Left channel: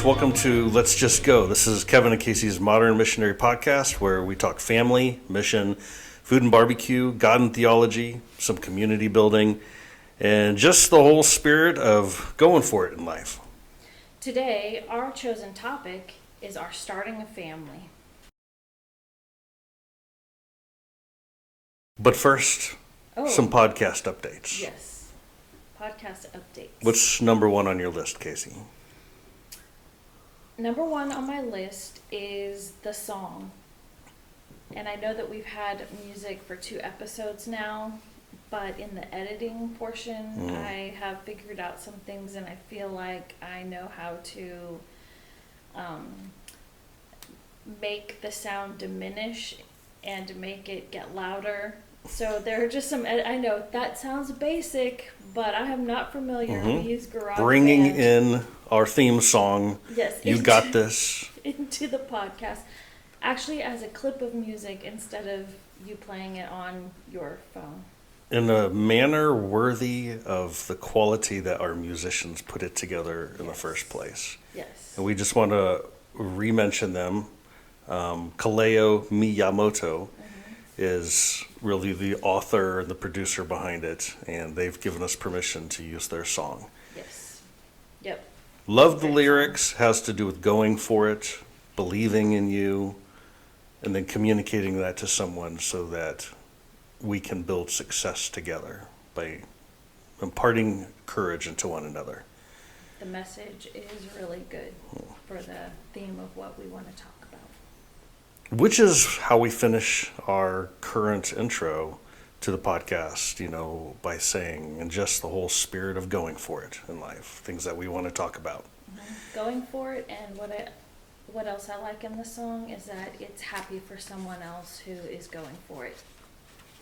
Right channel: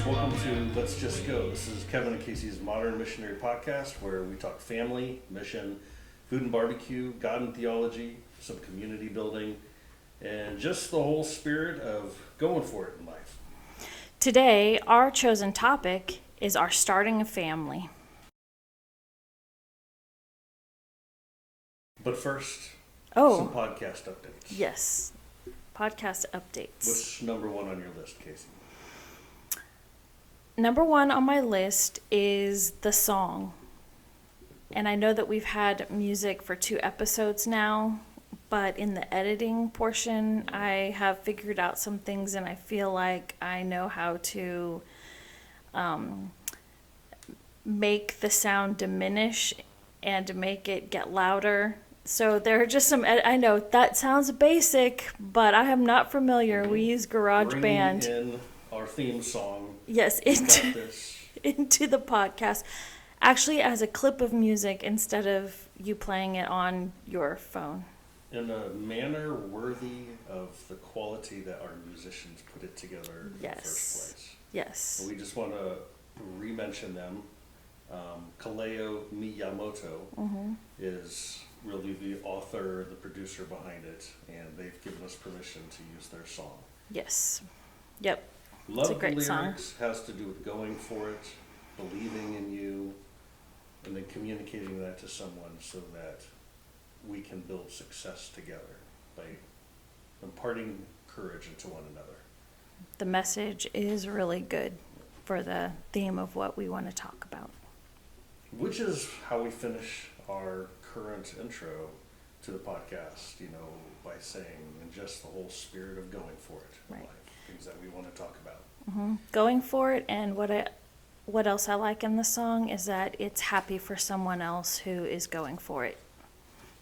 folks. Welcome to Let's Just Go. This is Kevin and Casey's Modern Missionary Podcast, where we talk family, mission, food and barbecue, God and theology, some community building, and just the whole spirit of going for it in life. Today, our chosen topic is our starting a family. But first, some podcast updates. Yes, podcast updates. What's number one on your list, Casey? Number one on my list is the song. And I know that we've had music for 2 episodes now, but in the editing portion, I have figured out some things, and I feel like I know how to make the sound diminish and to make it get louder. So there are just some, I know that sounds basic, but I am not familiar. We use GarageBand. Bringing in our theme song. Yes. You got this. Into the podcast. Actually, as a clip of music instead of you playing it on your phone. In a manner worthy of the quality that our musicians put it together in the first place. Yes. And we just want to re-mention them. Kaleo Miyamoto is really the author and the producer behind it, and they've given us permission to use their song. Yes. Yep. Love the lyrics, has to do with going for it, believing in you, and then communicating that to someone so that we can build success together by imparting courage into one another. The message is really good for the theme of what we want to talk about. Which is how we finish our current intro to the podcast, by saying, and just the whole spirit of going for it in life, things that we want to talk about. Going for it, and what else I like in the song is that it's happy for someone else who is going for it.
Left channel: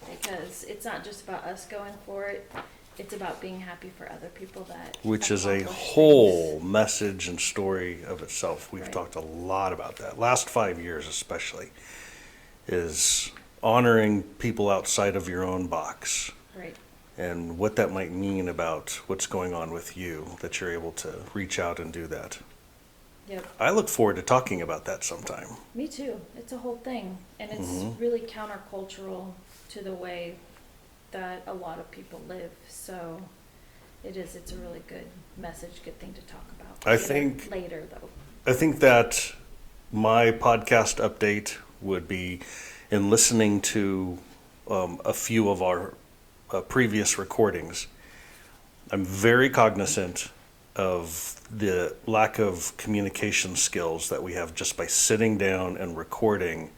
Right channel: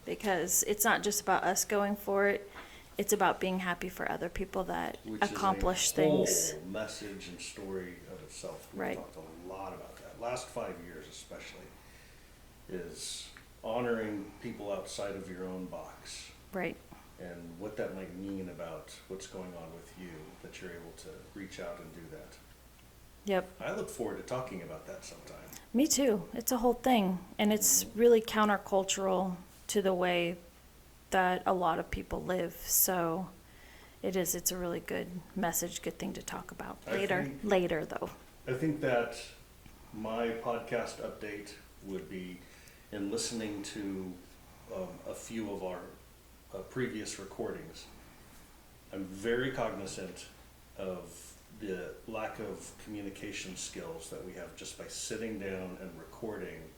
Because it's not just about us going for it, it's about being happy for other people that Which is a accomplish whole things. message and story of itself. We've talked a lot about that. Last 5 years especially is honoring people outside of your own box. Right. And what that might mean about what's going on with you, that you're able to reach out and do that. Yep. I look forward to talking about that sometime. Me too. It's a whole thing. And it's really countercultural to the way that a lot of people live. So it's a really good message, good thing to talk about later though. I think that my podcast update would be in listening to a few of our previous recordings. I'm very cognizant of the lack of communication skills that we have just by sitting down and recording,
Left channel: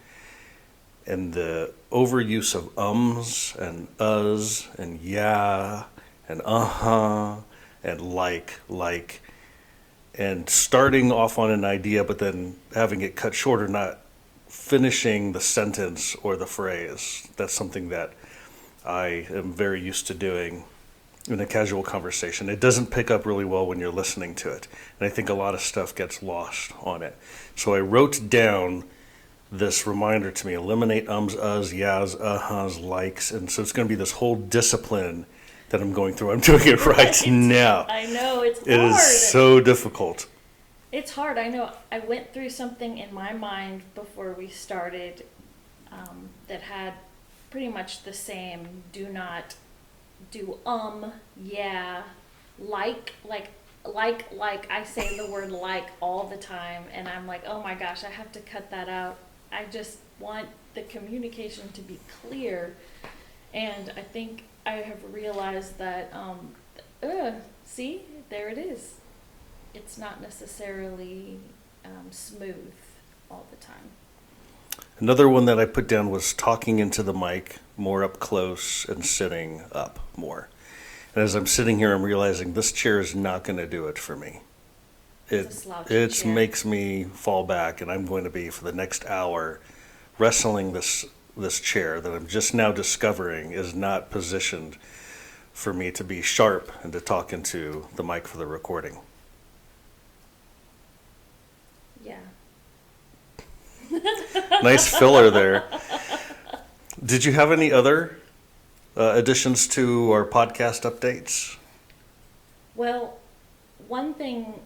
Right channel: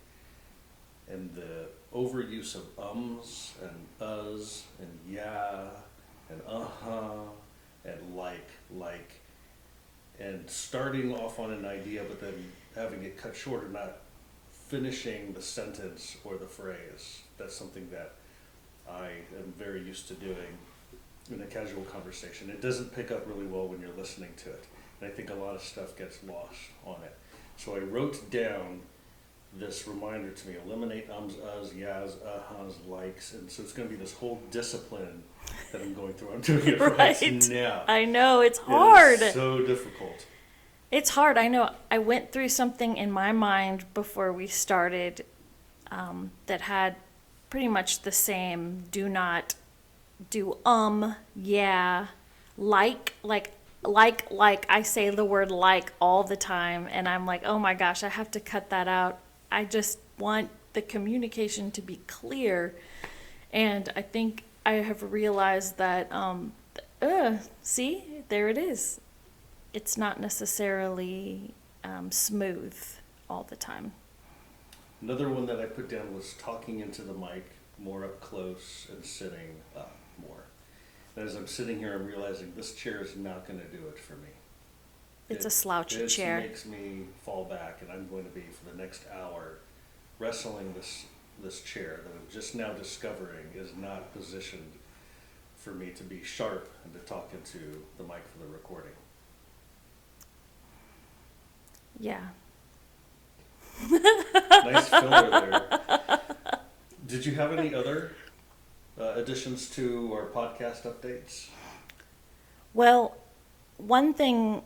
and the overuse of ums and uhs and yeah and uh-huh and like, and starting off on an idea but then having it cut short or not finishing the sentence or the phrase. That's something that I am very used to doing in a casual conversation. It doesn't pick up really well when you're listening to it, and I think a lot of stuff gets lost on it. So I wrote down this reminder to me: eliminate ums, uhs, yahs, uh-huhs, likes. And so it's going to be this whole discipline that I'm going through. I'm doing it right now. I know, it's hard. It is so difficult. It's hard. I know. I went through something in my mind before we started that had pretty much the same: do not do yeah, like. I say the word like all the time, and I'm like, oh my gosh, I have to cut that out. I just want the communication to be clear. And I think I have realized that, see, there it is. It's not necessarily smooth all the time. Another one that I put down was talking into the mic more up close and sitting up more. And as I'm sitting here, I'm realizing this chair is not going to do it for me. It's a slouchy chair. It makes me fall back, and I'm going to be, for the next hour, wrestling this chair that I'm just now discovering is not positioned for me to be sharp and to talk into the mic for the recording. Yeah. Nice filler there. Did you have any other additions to our podcast updates? Well, one thing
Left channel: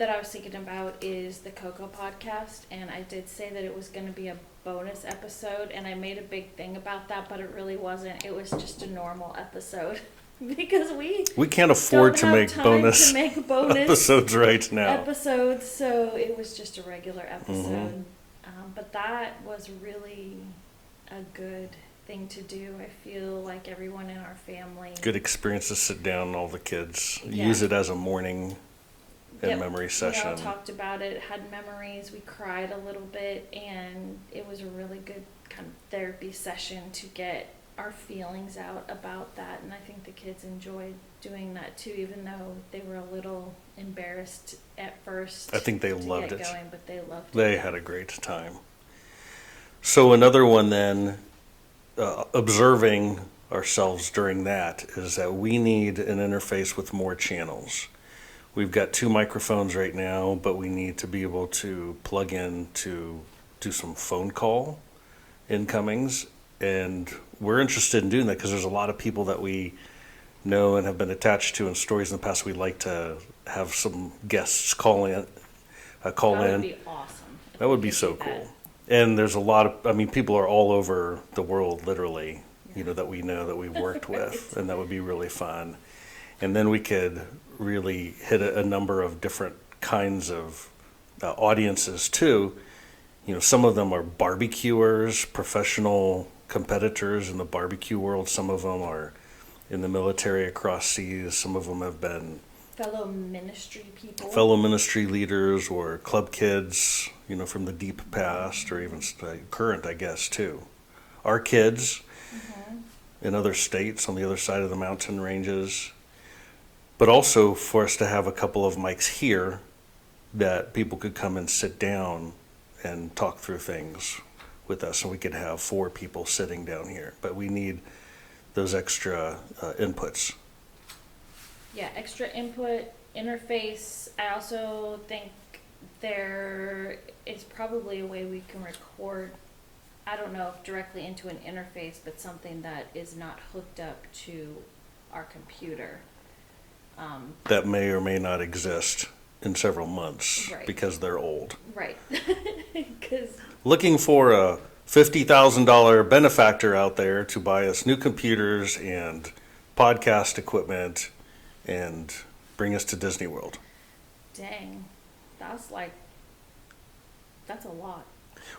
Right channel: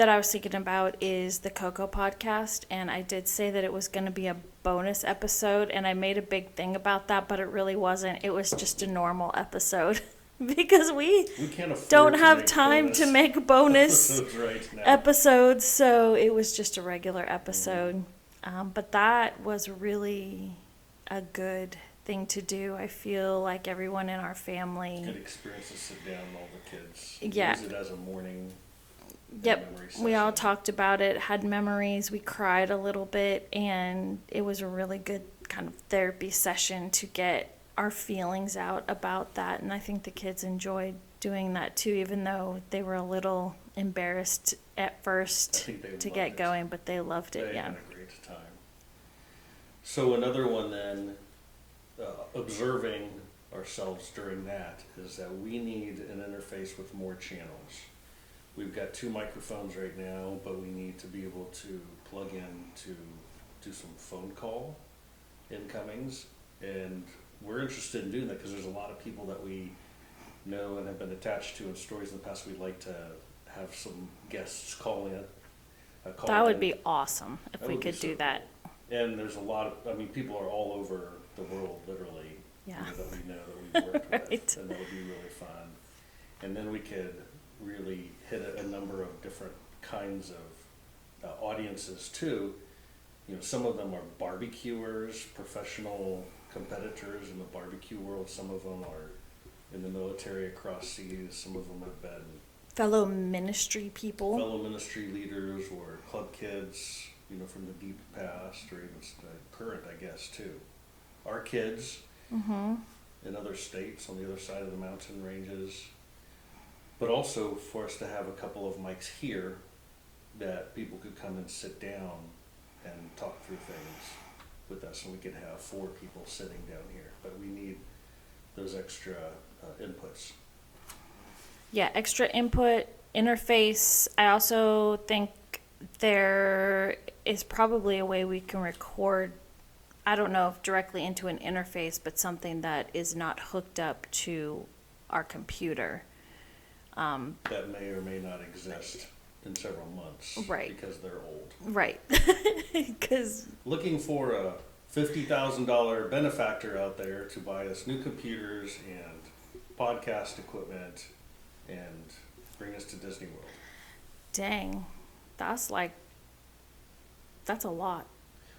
that I was thinking about is the Coco podcast, and I did say that it was going to be a bonus episode, and I made a big thing about that, but it really wasn't. It was just a normal episode because we can't afford don't to have make time bonus to make bonus episodes right now. episodes, so it was just a regular episode. But that was really a good thing to do. I feel like everyone in our family. Good experience to sit down and all the kids Yeah. use it as a morning and memory session. We all talked about it, had memories, we cried a little bit, and it was a really good kind of therapy session to get our feelings out about that. And I think the kids enjoyed doing that too, even though they were a little embarrassed at first. I think they to loved get it. going, but they loved it. They yeah. had a great time. So another one then, observing ourselves during that, is that we need an interface with more channels. We've got 2 microphones right now, but we need to be able to plug in to do some phone call incomings. And we're interested in doing that because there's a lot of people that we know and have been attached to in stories in the past. We'd like to have some guests call in. That would be awesome. If That we would be could so do that. cool. And there's a lot of, people are all over the world, literally, Yeah. that we know, that we've worked Right. with, and that would be really fun. And then we could really hit a number of different kinds of audiences too. Some of them are barbecuers, professional competitors in the barbecue world. Some of them are in the military across seas. Some of them have been Fellow ministry people. fellow ministry leaders or club kids, from the deep past, or even current, I guess, too. Our kids in other states on the other side of the mountain ranges. But also for us to have a couple of mics here that people could come and sit down and talk through things with us. So we could have 4 people sitting down here. But we need those extra inputs. Yeah, extra input, interface. I also think there is probably a way we can record, I don't know if directly into an interface, but something that is not hooked up to our computer. That may or may not exist in several months. Right. Because they're old. Right. Because Looking for a $50,000 benefactor out there to buy us new computers and podcast equipment and bring us to Disney World. dang, that's a lot.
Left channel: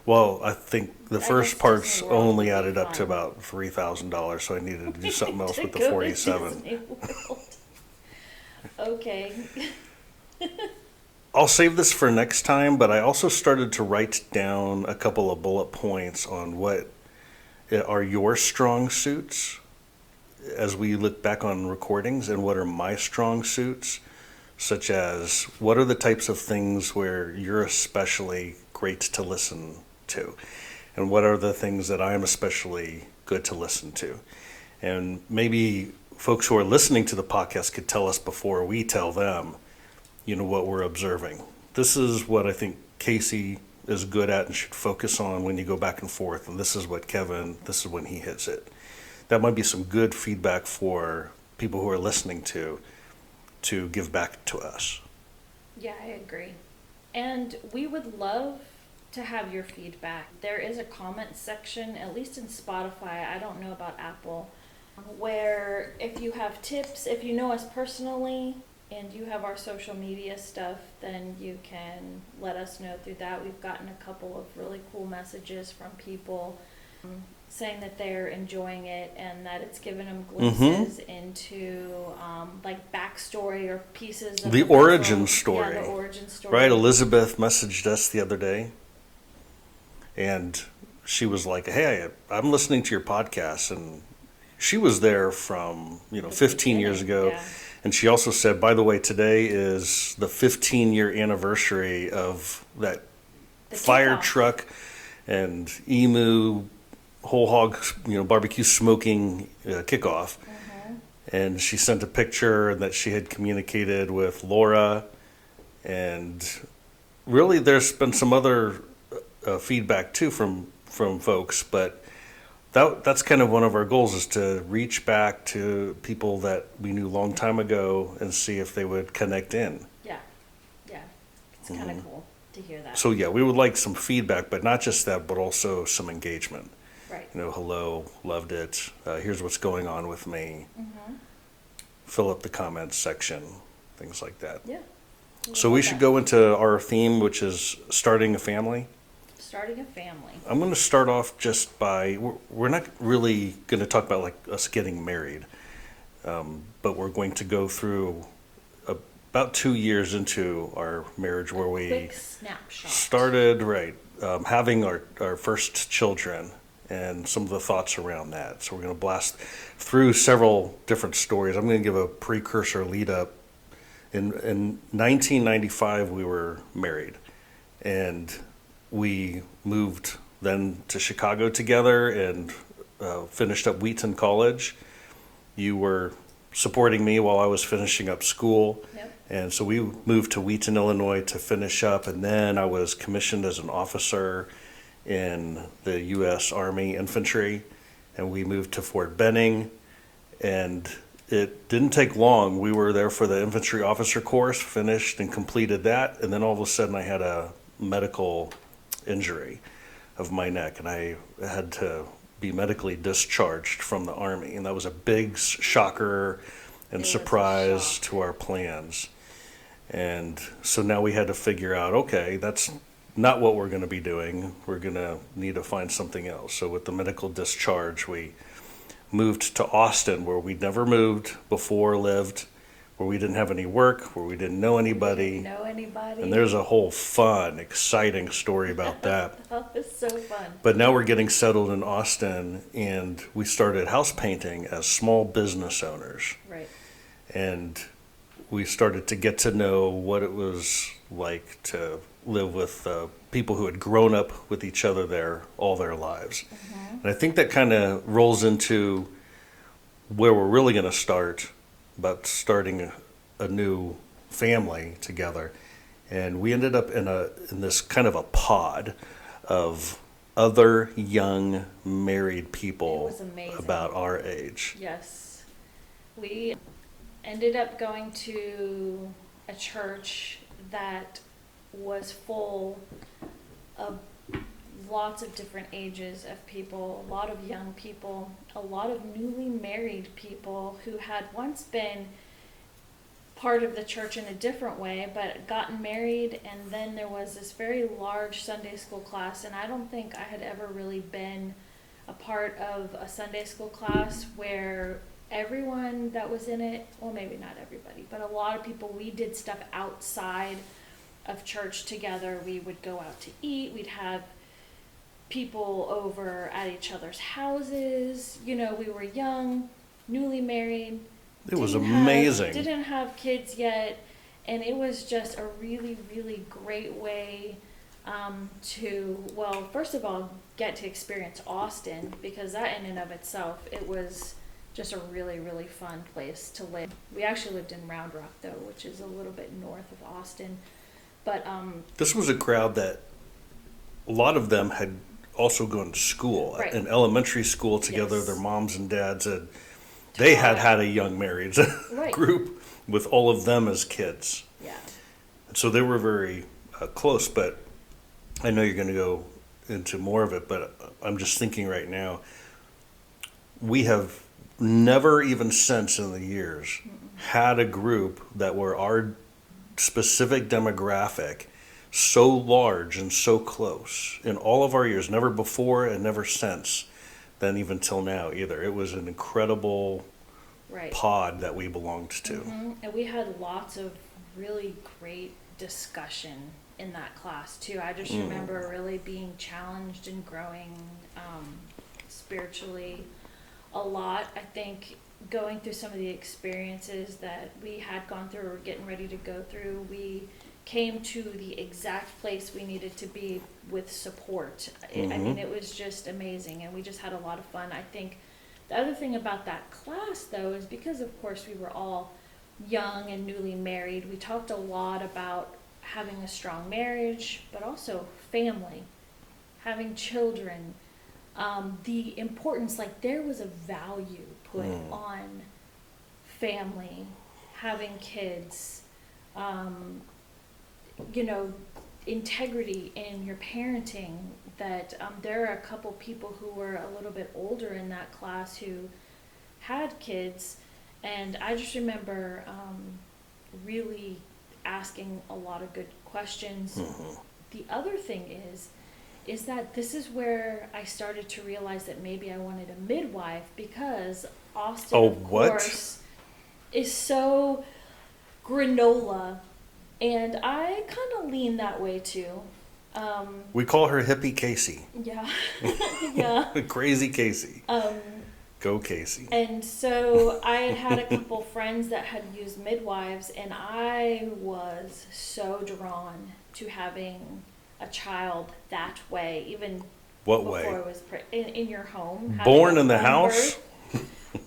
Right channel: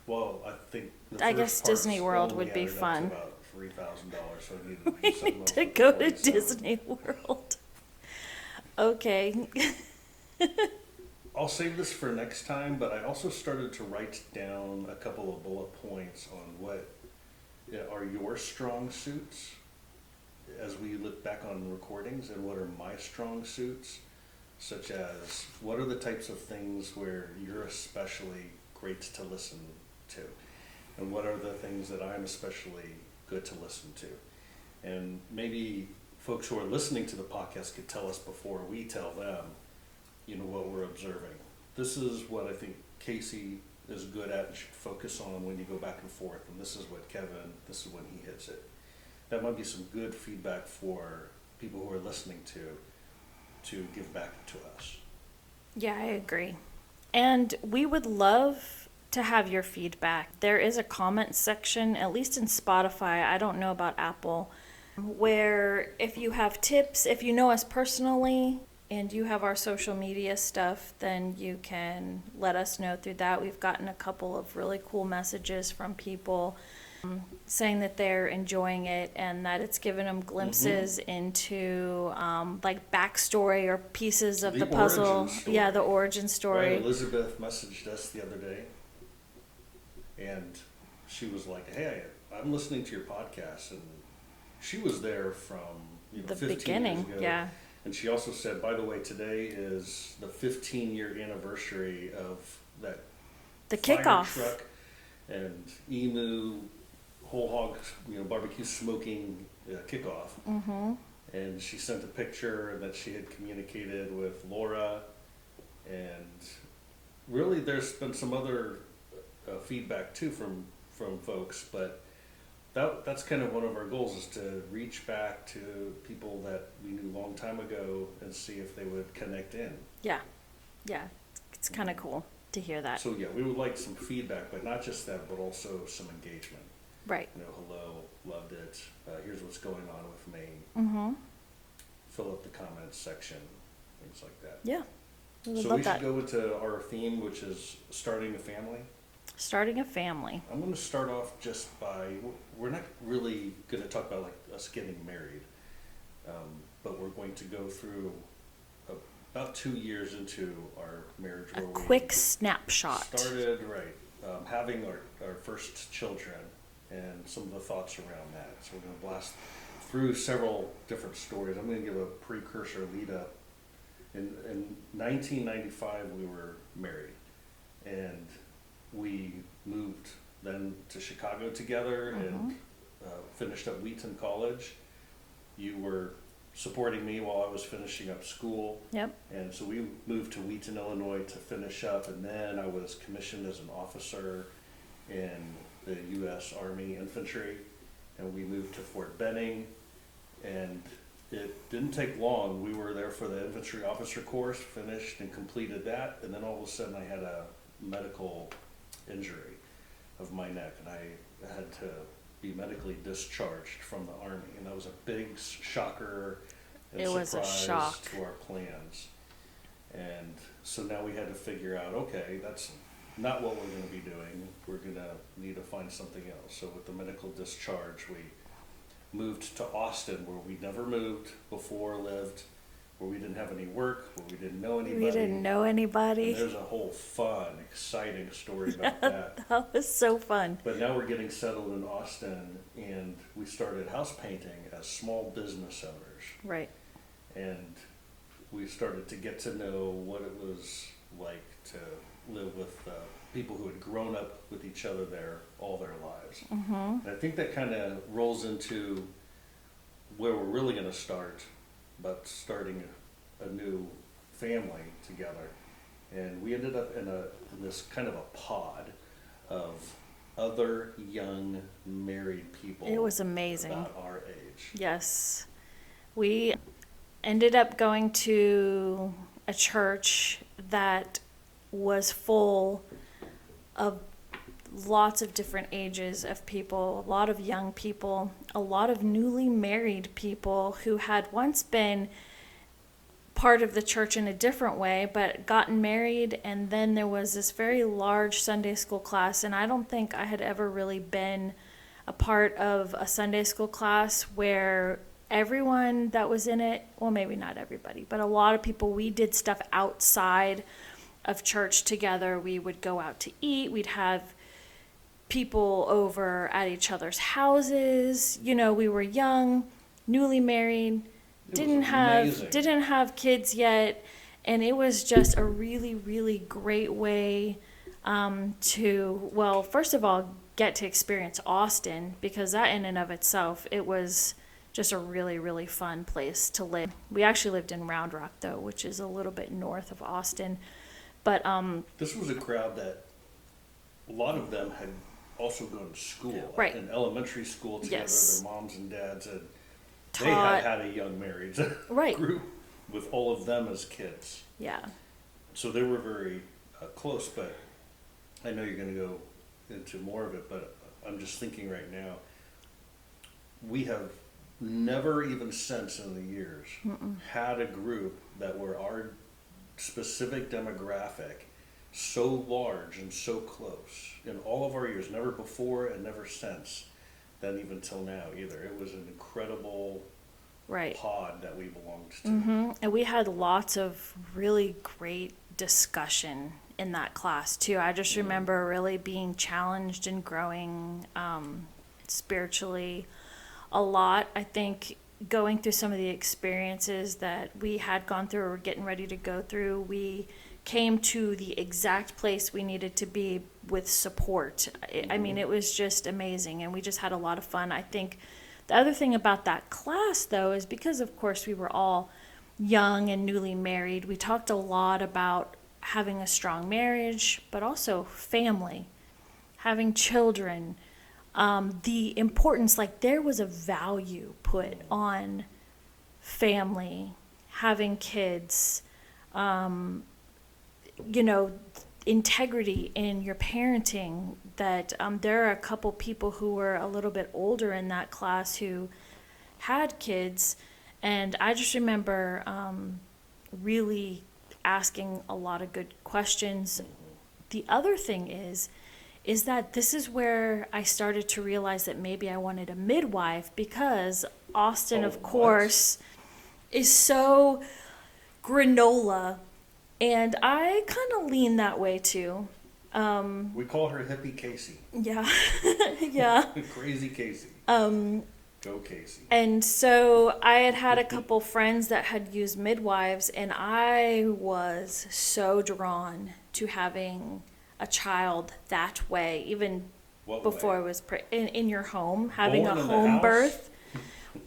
Well, I think the I first guess part's Disney World only would be added up to fun. about $3,000, so I needed to do something else To with the go 47. to Disney World. Okay. I'll save this for next time, but I also started to write down a couple of bullet points on what are your strong suits as we look back on recordings, and what are my strong suits, such as what are the types of things where you're especially great to listen to, and what are the things that I'm especially good to listen to. And maybe folks who are listening to the podcast could tell us before we tell them, what we're observing. This is what I think Casey is good at and should focus on when you go back and forth. And this is what Kevin, this is when he hits it. That might be some good feedback for people who are listening to give back to us. Yeah, I agree. And we would love to have your feedback. There is a comment section, at least in Spotify, I don't know about Apple, where if you have tips, if you know us personally, and you have our social media stuff, then you can let us know through that. We've gotten a couple of really cool messages from people saying that they're enjoying it and that it's given them glimpses into like backstory or pieces of The puzzle. origin story. Yeah, the origin story. Right, Elizabeth messaged us the other day, and she was like, "Hey, I'm listening to your podcast," and she was there from 15 years beginning, ago. yeah. And she also said, by the way, today is the 15-year anniversary of that The fire kickoff. truck and emu whole hog barbecue smoking kickoff. Mm-hmm. And she sent a picture that she had communicated with Laura, and really there's been some other feedback too from folks, but that's kind of one of our goals, is to reach back to people that we knew a long time ago and see if they would connect in. Yeah, yeah. It's kind of cool to hear that. So yeah, we would like some feedback, but not just that, but also some engagement. Right. Hello, loved it. Here's what's going on with me. Mm-hmm. Fill up the comments section, things like that. Yeah. So we should go into our theme, which is starting a family. Starting a family. I'm going to start off just by, we're not really going to talk about like us getting married, but we're going to go through about 2 years into our marriage where we Quick snapshot. started, right, having our first children and some of the thoughts around that. So we're going to blast through several different stories. I'm going to give a precursor lead up. In 1995, we were married, and we moved then to Chicago together and finished up Wheaton College. You were supporting me while I was finishing up school. Yep. And so we moved to Wheaton, Illinois to finish up, and then I was commissioned as an officer in the U.S. Army Infantry, and we moved to Fort Benning, and it didn't take long. We were there for the infantry officer course, finished and completed that, and then all of a sudden I had a medical injury of my neck, and I had to be medically discharged from the Army, and that was a big shocker and It was a surprise shock. to our plans. And so now we had to figure out, okay, that's not what we're going to be doing. We're going to need to find something else. So with the medical discharge, we moved to Austin, where we'd never moved before, lived, where we didn't have any work, where we didn't know We anybody. didn't know anybody. And there's a whole fun, exciting story about that. That was so fun. But now we're getting settled in Austin, and we started house painting as small business owners. Right. And we started to get to know what it was like to live with people who had grown up with each other there all their lives. Mm-hmm. And I think that kind of rolls into where we're really going to start, about starting a new family together. And we ended up in this kind of a pod of other young married people. It was amazing. About our age. Yes. We ended up going to a church that was full of lots of different ages of people, a lot of young people, a lot of newly married people who had once been part of the church in a different way, but gotten married. And then there was this very large Sunday school class, and I don't think I had ever really been a part of a Sunday school class where everyone that was in it, well, maybe not everybody, but a lot of people, we did stuff outside of church together. We would go out to eat. We'd have people over at each other's houses. We were young, newly married. It was amazing. Didn't have kids yet. And it was just a really, really great way to, well, first of all, get to experience Austin, because that in and of itself, it was just a really, really fun place to live. We actually lived in Round Rock, though, which is a little bit north of Austin. But this was a crowd that a lot of them had also gone to school, Right. in elementary school together. Yes. Their moms and dads they had had a young married Right. group with all of them as kids. yeah, So they were very close, but I know you're going to go into more of it, but I'm just thinking right now, we have never even since in the years had a group that were our specific demographic so large and so close in all of our years, never before and never since then, even till now either. It was an incredible right. pod that we belonged to. And we had lots of really great discussion in that class too. I just remember really being challenged and growing spiritually a lot. I think going through some of the experiences that we had gone through or were getting ready to go through, we came to the exact place we needed to be with support. I mean, it was just amazing, and we just had a lot of fun. I think the other thing about that class, though, is because, of course, we were all young and newly married, we talked a lot about having a strong marriage, but also family, having children, the importance, like there was a value put on family, having kids. you know, integrity in your parenting. That there are a couple people who were a little bit older in that class who had kids, and I just remember really asking a lot of good questions. The other thing is that this is where I started to realize that maybe I wanted a midwife, because Austin, of course, is so granola, and I kind of lean that way too. We call her Hippie Casey. Yeah, yeah. Crazy Casey. Go Casey. And so I had a couple friends that had used midwives, and I was so drawn to having a child that way, even What before way? I was in your home. Born having a in the home house? birth.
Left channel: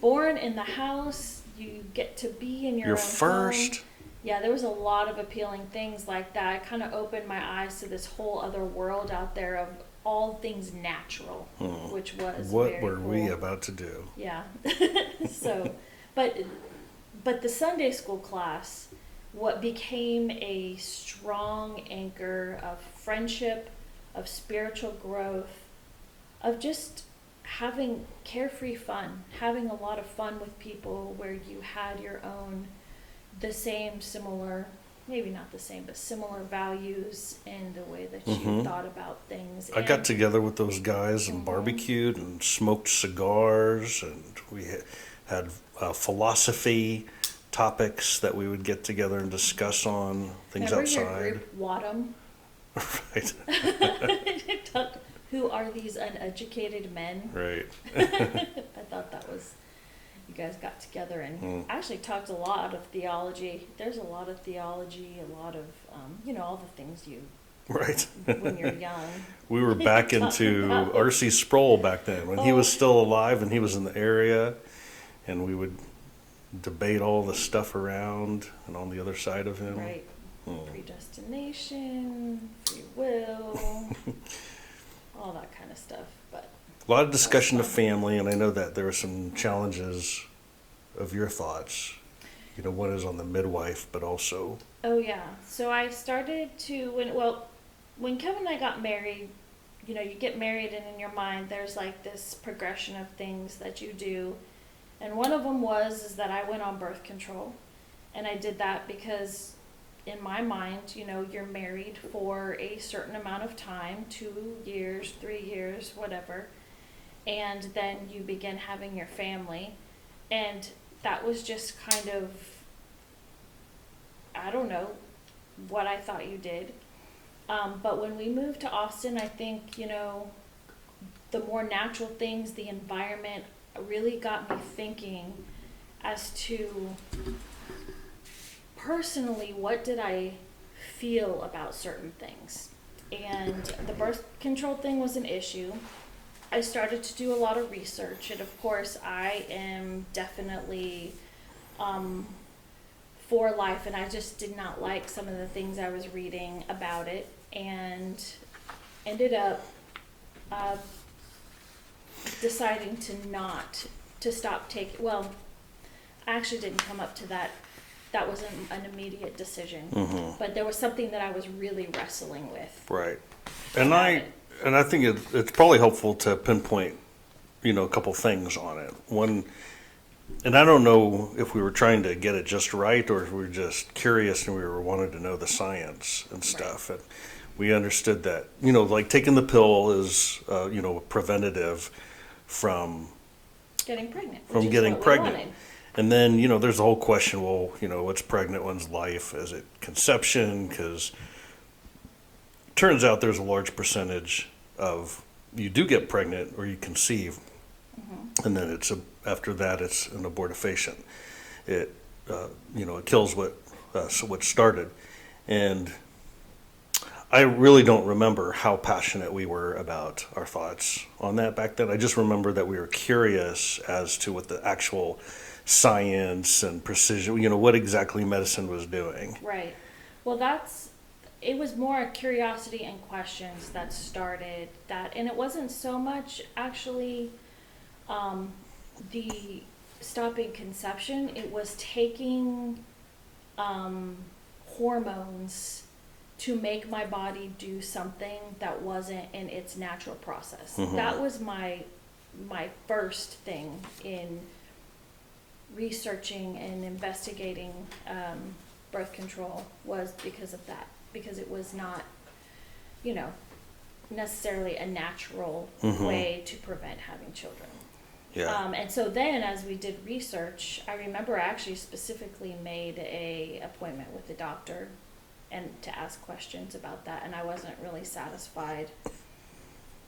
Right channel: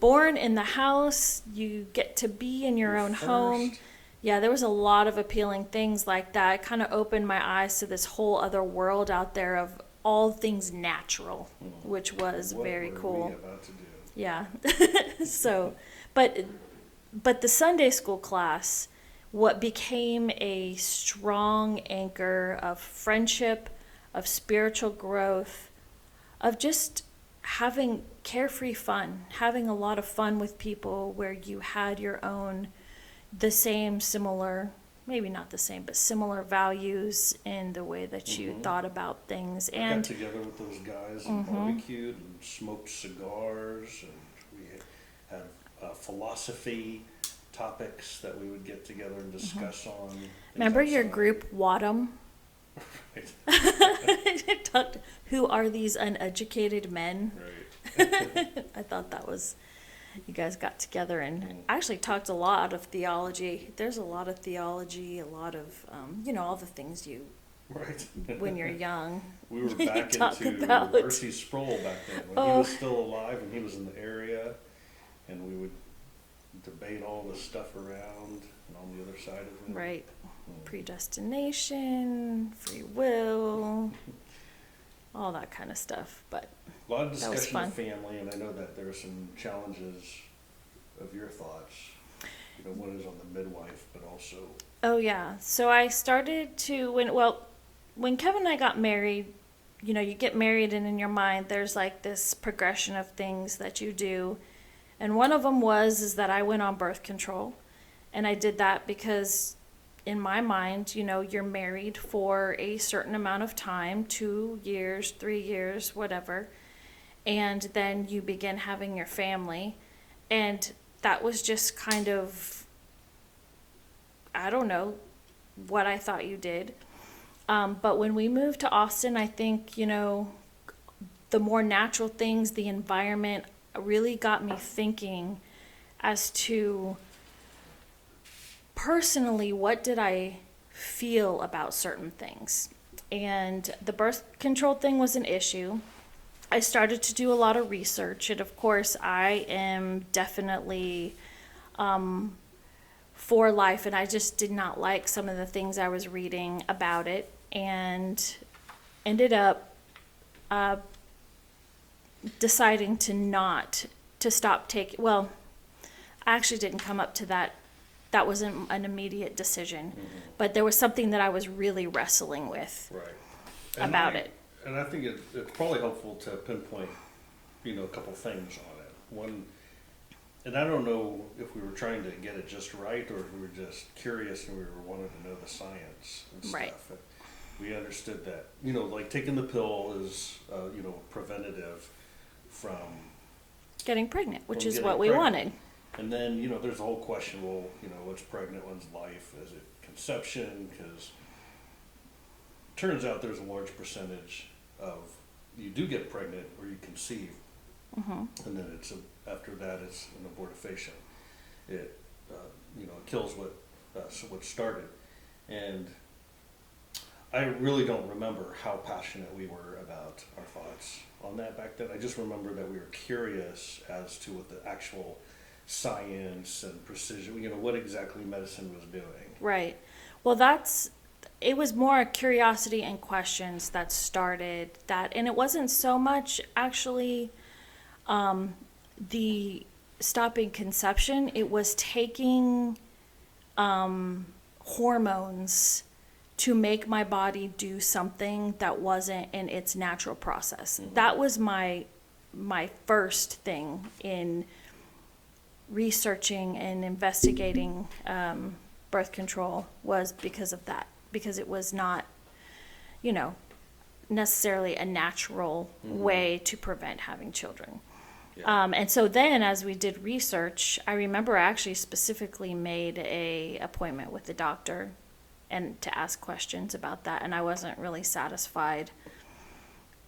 Born in the house, you get to be in your own home. First. Yeah, there was a lot of appealing things like that. It kind of opened my eyes to this whole other world out there of all things natural, which was very cool. What were we about to do? Yeah. So, but the Sunday school class, what became a strong anchor of friendship, of spiritual growth, of just having carefree fun, having a lot of fun with people where you had your own, the same, similar, maybe not the same, but similar values in the way that you thought about things. I got together with those guys and barbecued and smoked cigars, and we had philosophy topics that we would get together and discuss on things Remember outside. your group, Wadham? Right. Who are these uneducated men? Right. I thought that was, you guys got together and actually talked a lot of theology. There's a lot of theology, a lot of, all the things you, Right. when you're young. We were back into about. R.C. Sproul back then when he was still alive and he was in the area, and we would debate all the stuff around and on the other side of him. Right. Predestination, free will, all that kind of stuff. But A lot of discussion of fun. family, and I know that there were some challenges of your thoughts. One is on the midwife, but also... Oh, yeah. So I started to, when Kevin and I got married, you get married and in your mind there's like this progression of things that you do. And one of them is that I went on birth control. And I did that because in my mind, you're married for a certain amount of time, 2 years, 3 years, whatever. And then you begin having your family. And that was just kind of, I don't know what I thought you did. But when we moved to Austin, I think, the more natural things, the environment really got me thinking as to personally, what did I feel about certain things? And the birth control thing was an issue. I started to do a lot of research, and of course I am definitely for life, and I just did not like some of the things I was reading about it, and ended up deciding to stop taking, I actually didn't come up to that. That wasn't an immediate decision, but there was something that I was really wrestling with. Right. About it. And I think it's probably helpful to pinpoint, a couple things on it. One, and I don't know if we were trying to get it just right or if we were just curious and we were wanting to know the science and stuff. Right. And we understood that, like taking the pill is, preventative from Getting pregnant, which is getting what we pregnant. wanted. And then, there's the whole question, what's pregnant one's life? Is it conception? Because turns out there's a large percentage of you do get pregnant or you conceive, and then after that it's an abortifacient. It it kills what started, and I really don't remember how passionate we were about our thoughts on that back then. I just remember that we were curious as to what the actual science and precision, what exactly medicine was doing. Right. Well, it was more curiosity and questions that started that. And it wasn't so much actually the stopping conception. It was taking hormones to make my body do something that wasn't in its natural process. That was my first thing in researching and investigating birth control, was because of that, because it was not, necessarily a natural way to prevent having children. Yeah. And so then, as we did research, I remember I actually specifically made a appointment with the doctor and to ask questions about that, and I wasn't really satisfied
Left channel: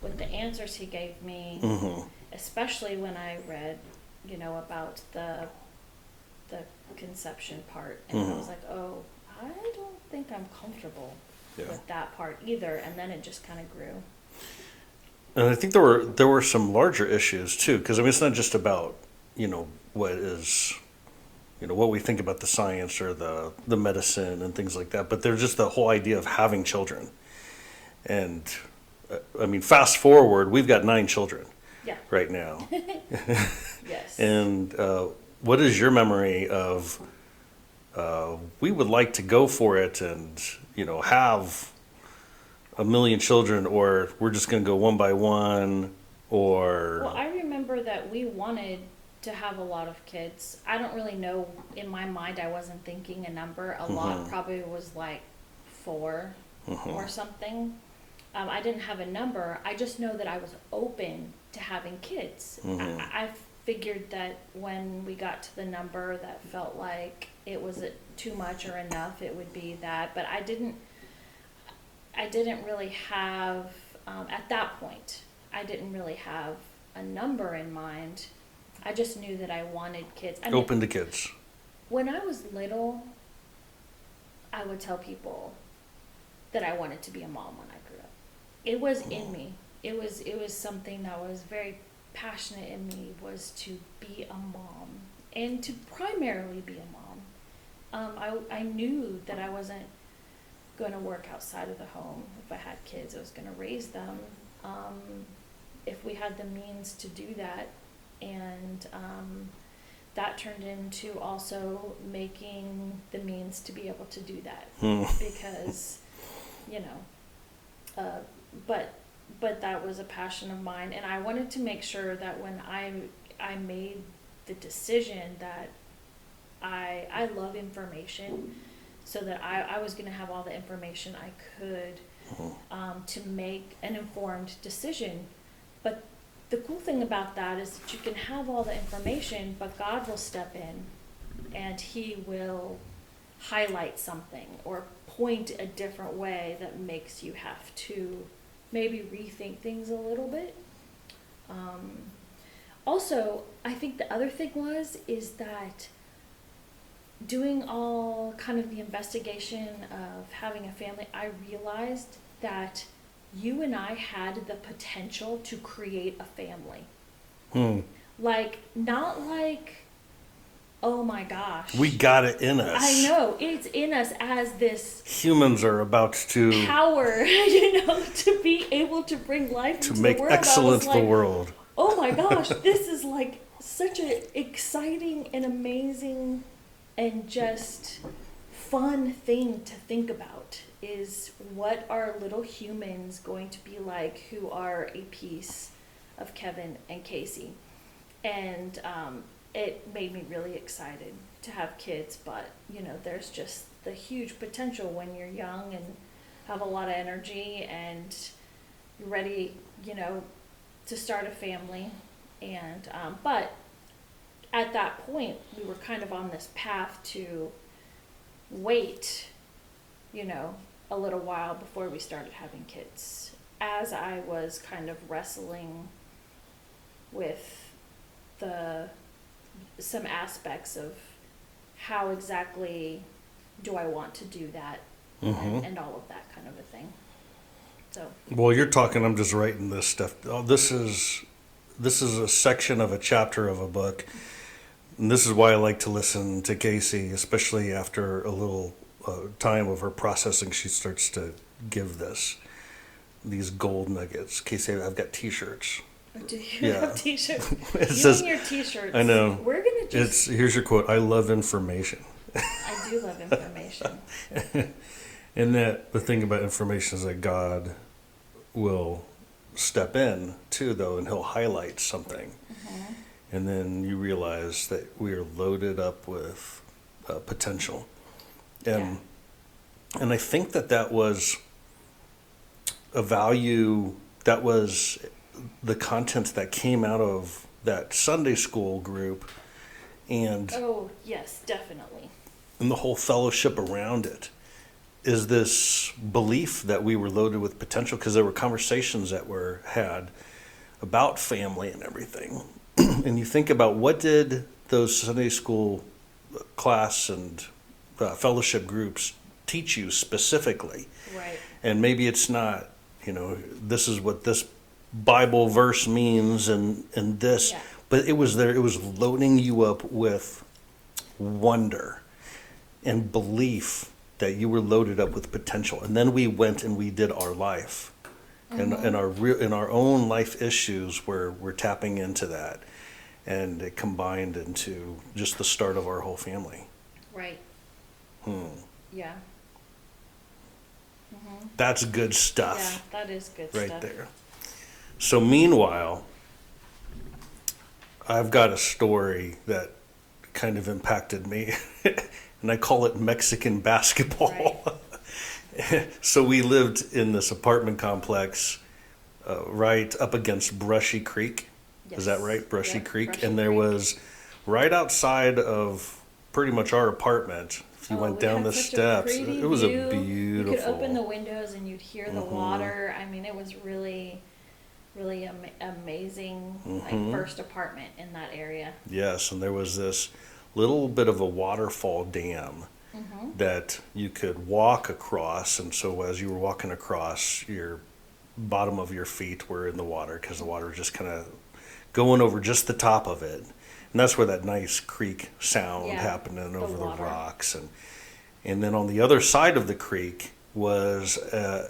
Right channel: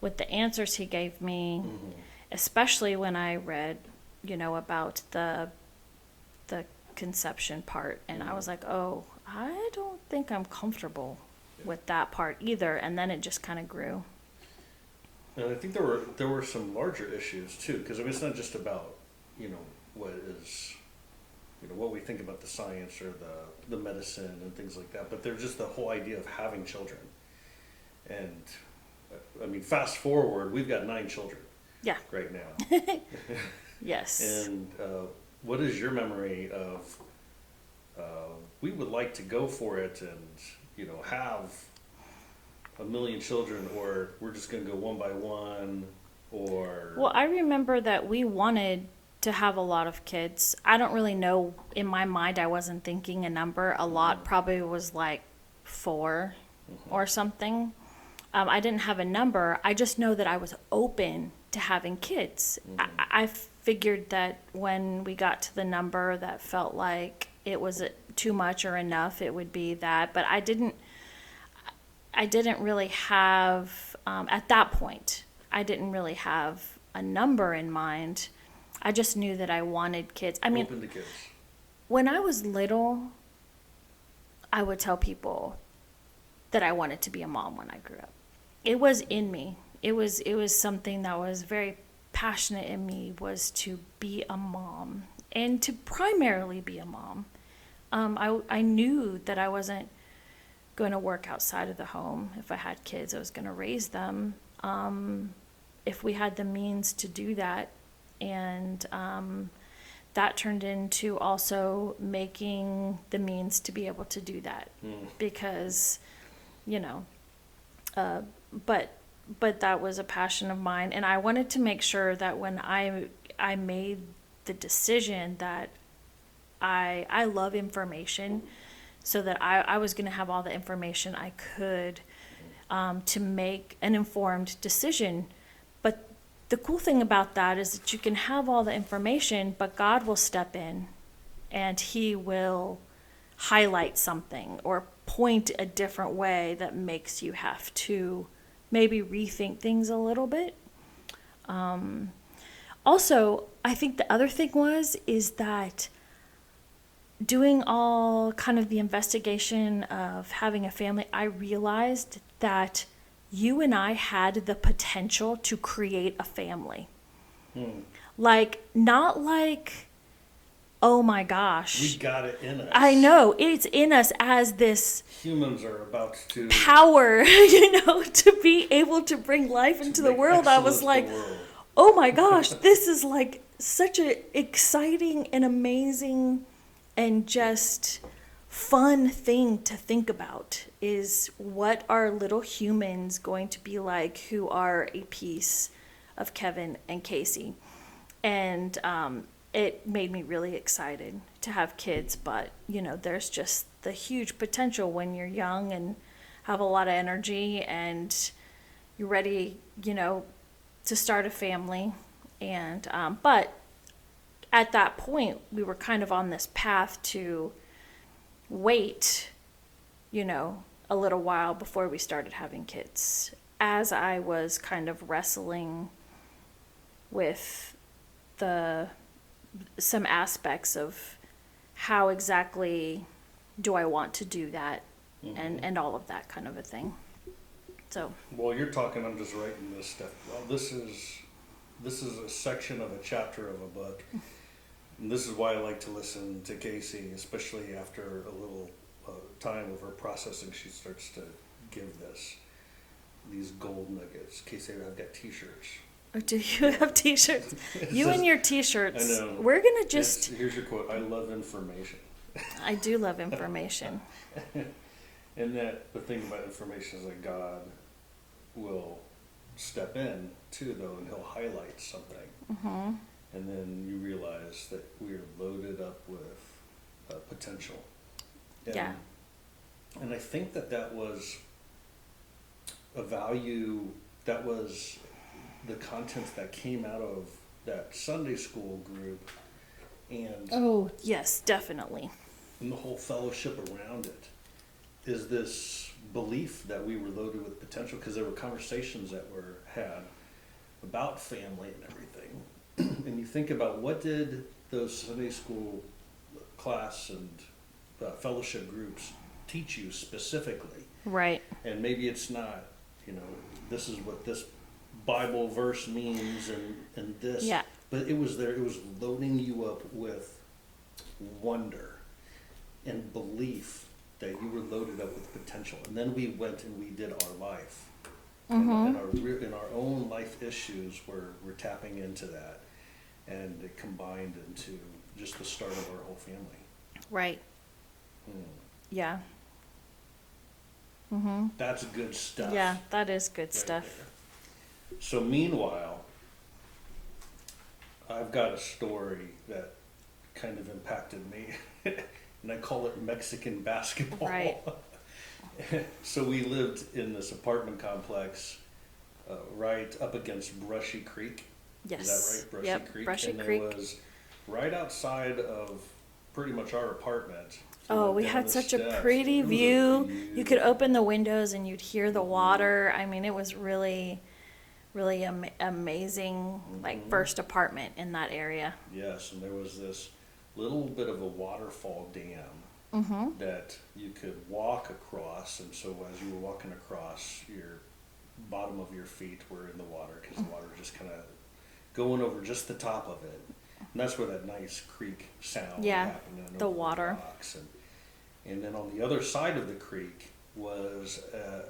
with the answers he gave me, especially when I read, about the conception part, and I was like, oh, I don't think I'm comfortable with that part either. And then it just kind of grew. And I think there were some larger issues too, because I mean, it's not just about what is what we think about the science or the medicine and things like that, but there's just the whole idea of having children. And I mean, fast forward, we've got 9 children. Yeah. Right now. Yes. And what is your memory of? We would like to go for it and have 1 million children, or we're just going to go one by one, or... Well, I remember that we wanted to have a lot of kids. I don't really know. In my mind, I wasn't thinking a number. A lot probably was like 4 or something. I didn't have a number. I just know that I was open to having kids. I figured that when we got to the number that felt like it was too much or enough, it would be that. But I didn't really have, at that point, I didn't really have a number in mind. I just knew that I wanted kids. I mean, open to kids. When I was little, I would tell people that I wanted to be a mom when I grew up. It was in me. It was something that was very passionate in me, was to be a mom, and to primarily be a mom. I knew that I wasn't going to work outside of the home. If I had kids, I was going to raise them. If we had the means to do that. And that turned into also making the means to be able to do that. Because, but that was a passion of mine. And I wanted to make sure that when I made the decision that I love information, so that I was going to have all the information I could to make an informed decision. But the cool thing about that is that you can have all the information, but God will step in and He will highlight something or point a different way that makes you have to maybe rethink things a little bit. Also, I think the other thing is that doing all kind of the investigation of having a family, I realized that you and I had the potential to create a family. Like, not like, oh my gosh. We got it in us. I know. It's in us as this... Humans are about to... power, to be able to bring life into the world. I was like, oh my gosh, this is like such an exciting and amazing and just fun thing to think about, is what are little humans going to be like who are a piece of Kevin and Casey. And it made me really excited to have kids, but there's just the huge potential when you're young and have a lot of energy and you're ready to start a family. And but at that point, we were kind of on this path to wait, a little while before we started having kids, as I was kind of wrestling with some aspects of how exactly do I want to do that, and all of that kind of a thing. So. Well, you're talking, I'm just writing this stuff. Oh, this is a section of a chapter of a book. And this is why I like to listen to Casey, especially after a little time of her processing. She starts to give these gold nuggets. Casey, I've got T-shirts. Oh, do you have T-shirts? Says, and your T-shirts. I know. We're gonna just. Here's your quote. I love information. I do love information. And that the thing about information is that God will step in too, though, and He'll highlight something. And then you realize that we are loaded up with potential. And, and I think that was a value, that was the content that came out of that Sunday school group and, Oh, yes, definitely. and the whole fellowship around it is this belief that we were loaded with potential because there were conversations that were had about family and everything. And you think about what did those Sunday school class and fellowship groups teach you specifically? Right. And maybe it's not, this is what this Bible verse means and this, Yeah. but it was there, it was loading you up with wonder and belief that you were loaded up with potential. And then we went and we did our life. And in our own life issues, we're tapping into that. And it combined into just the start of our whole family. Right. Yeah. That's good stuff. Yeah, that is good right stuff. there. So meanwhile, I've got a story that kind of impacted me, and I call it Mexican basketball. Right. So we lived in this apartment complex right up against Brushy Creek. Yes. Is that right? Brushy Yep, Creek. Brushy And there Creek. was right outside of pretty much our apartment. If you went we down had the such steps, a pretty it was view. a You could beautiful. open the windows and you'd hear the water. I mean, it was really, really amazing, like first apartment in that area. Yes, and there was this little bit of a waterfall dam that you could walk across, and so as you were walking across, your bottom of your feet were in the water because the water was just kind of going over just the top of it. And that's where that nice creek sound Yeah, happened and the over water. the rocks. And then on the other side of the creek was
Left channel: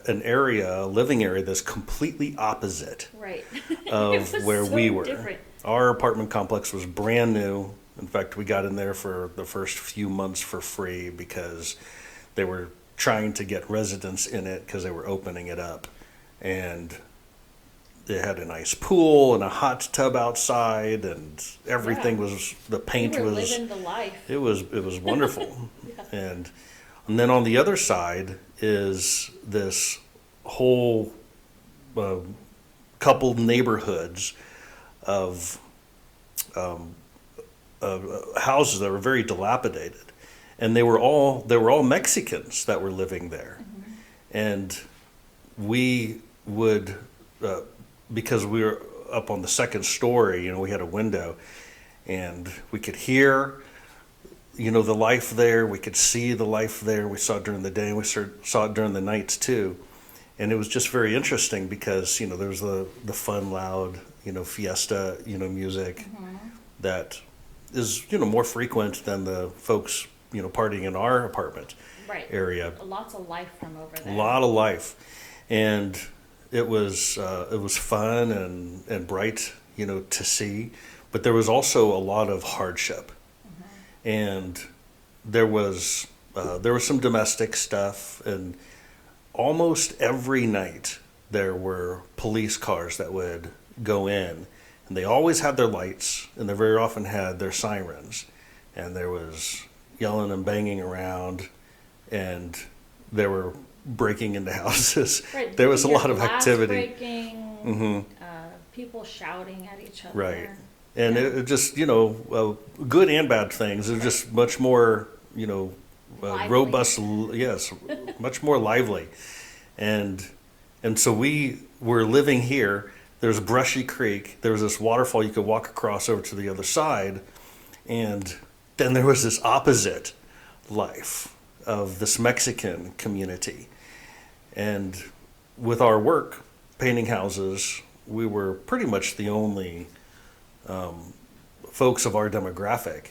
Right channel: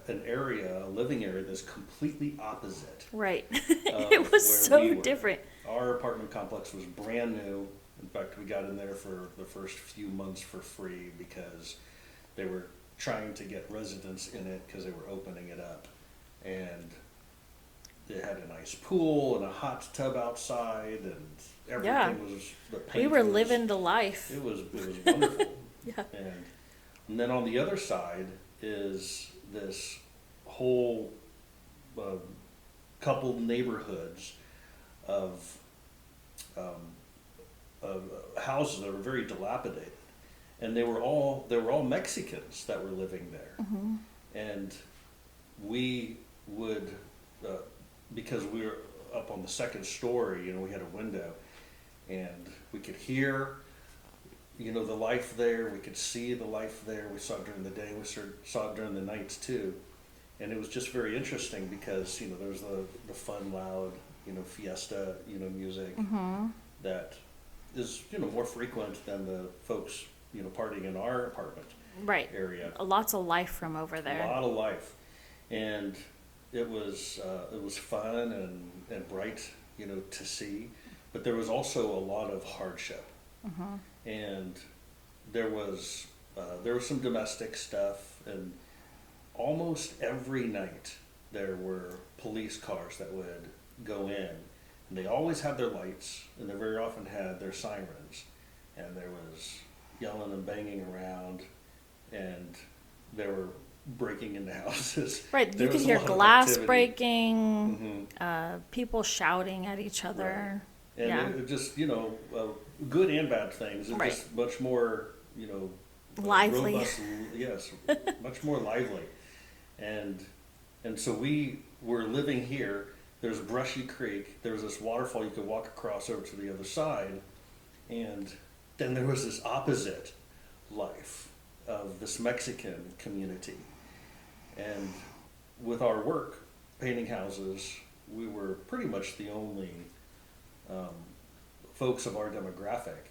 an area, a living area that's completely opposite Right. of It was where so we were. different. Our apartment complex was brand new. In fact, we got in there for the first few months for free because they were trying to get residents in it because they were opening it up. And it had a nice pool and a hot tub outside, and everything Yeah. was, the We paint were was, living the life. it was wonderful. Yeah. And then on the other side is this whole couple neighborhoods of houses that were very dilapidated, and they were all Mexicans that were living there, and we would because we were up on the second story, we had a window, and we could hear the life there. We could see the life there. We saw it during the day, and we saw it during the nights too. And it was just very interesting because, there was the fun, loud, fiesta, music that is, more frequent than the folks, partying in our apartment Right. area. Lots of life from over there. A lot of life. And it was fun and bright, to see. But there was also a lot of hardship. And there was some domestic stuff, and almost every night there were police cars that would go in, and they always had their lights, and they very often had their sirens, and there was yelling and banging around, and they were breaking into houses. Right. There you was a could hear lot of glass activity. breaking, people shouting at each other. Right. And Yeah. it just, good and bad things. It's Right. just much more, Lively. robust, yes, much more lively. And so we were living here. There's Brushy Creek. There was this waterfall you could walk across over to the other side. And then there was this opposite life of this Mexican community. And with our work, painting houses, we were pretty much the only folks of our demographic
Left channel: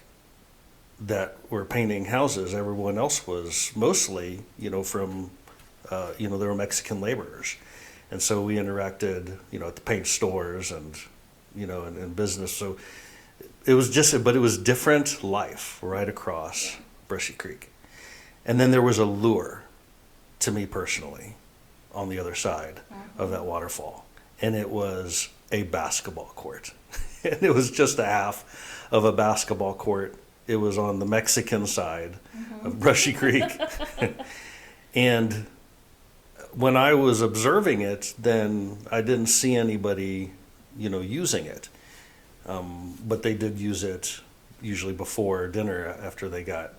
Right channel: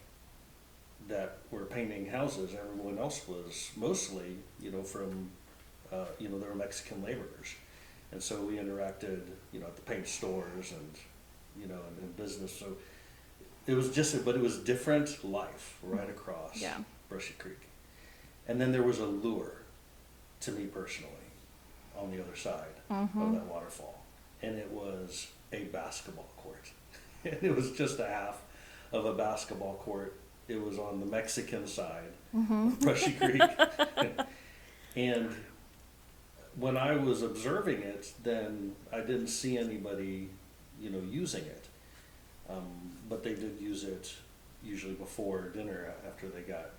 that were painting houses. Everyone else was mostly, from, they were Mexican laborers. And so we interacted, at the paint stores and, in business. So it was but it was different life right across Yeah. Brushy Creek. And then there was a lure to me personally on the other side of that waterfall. And it was a basketball court. And it was just a half of a basketball court. It was on the Mexican side of Brushy Creek. And when I was observing it, then I didn't see anybody, using it. But they did use it usually before dinner after they got,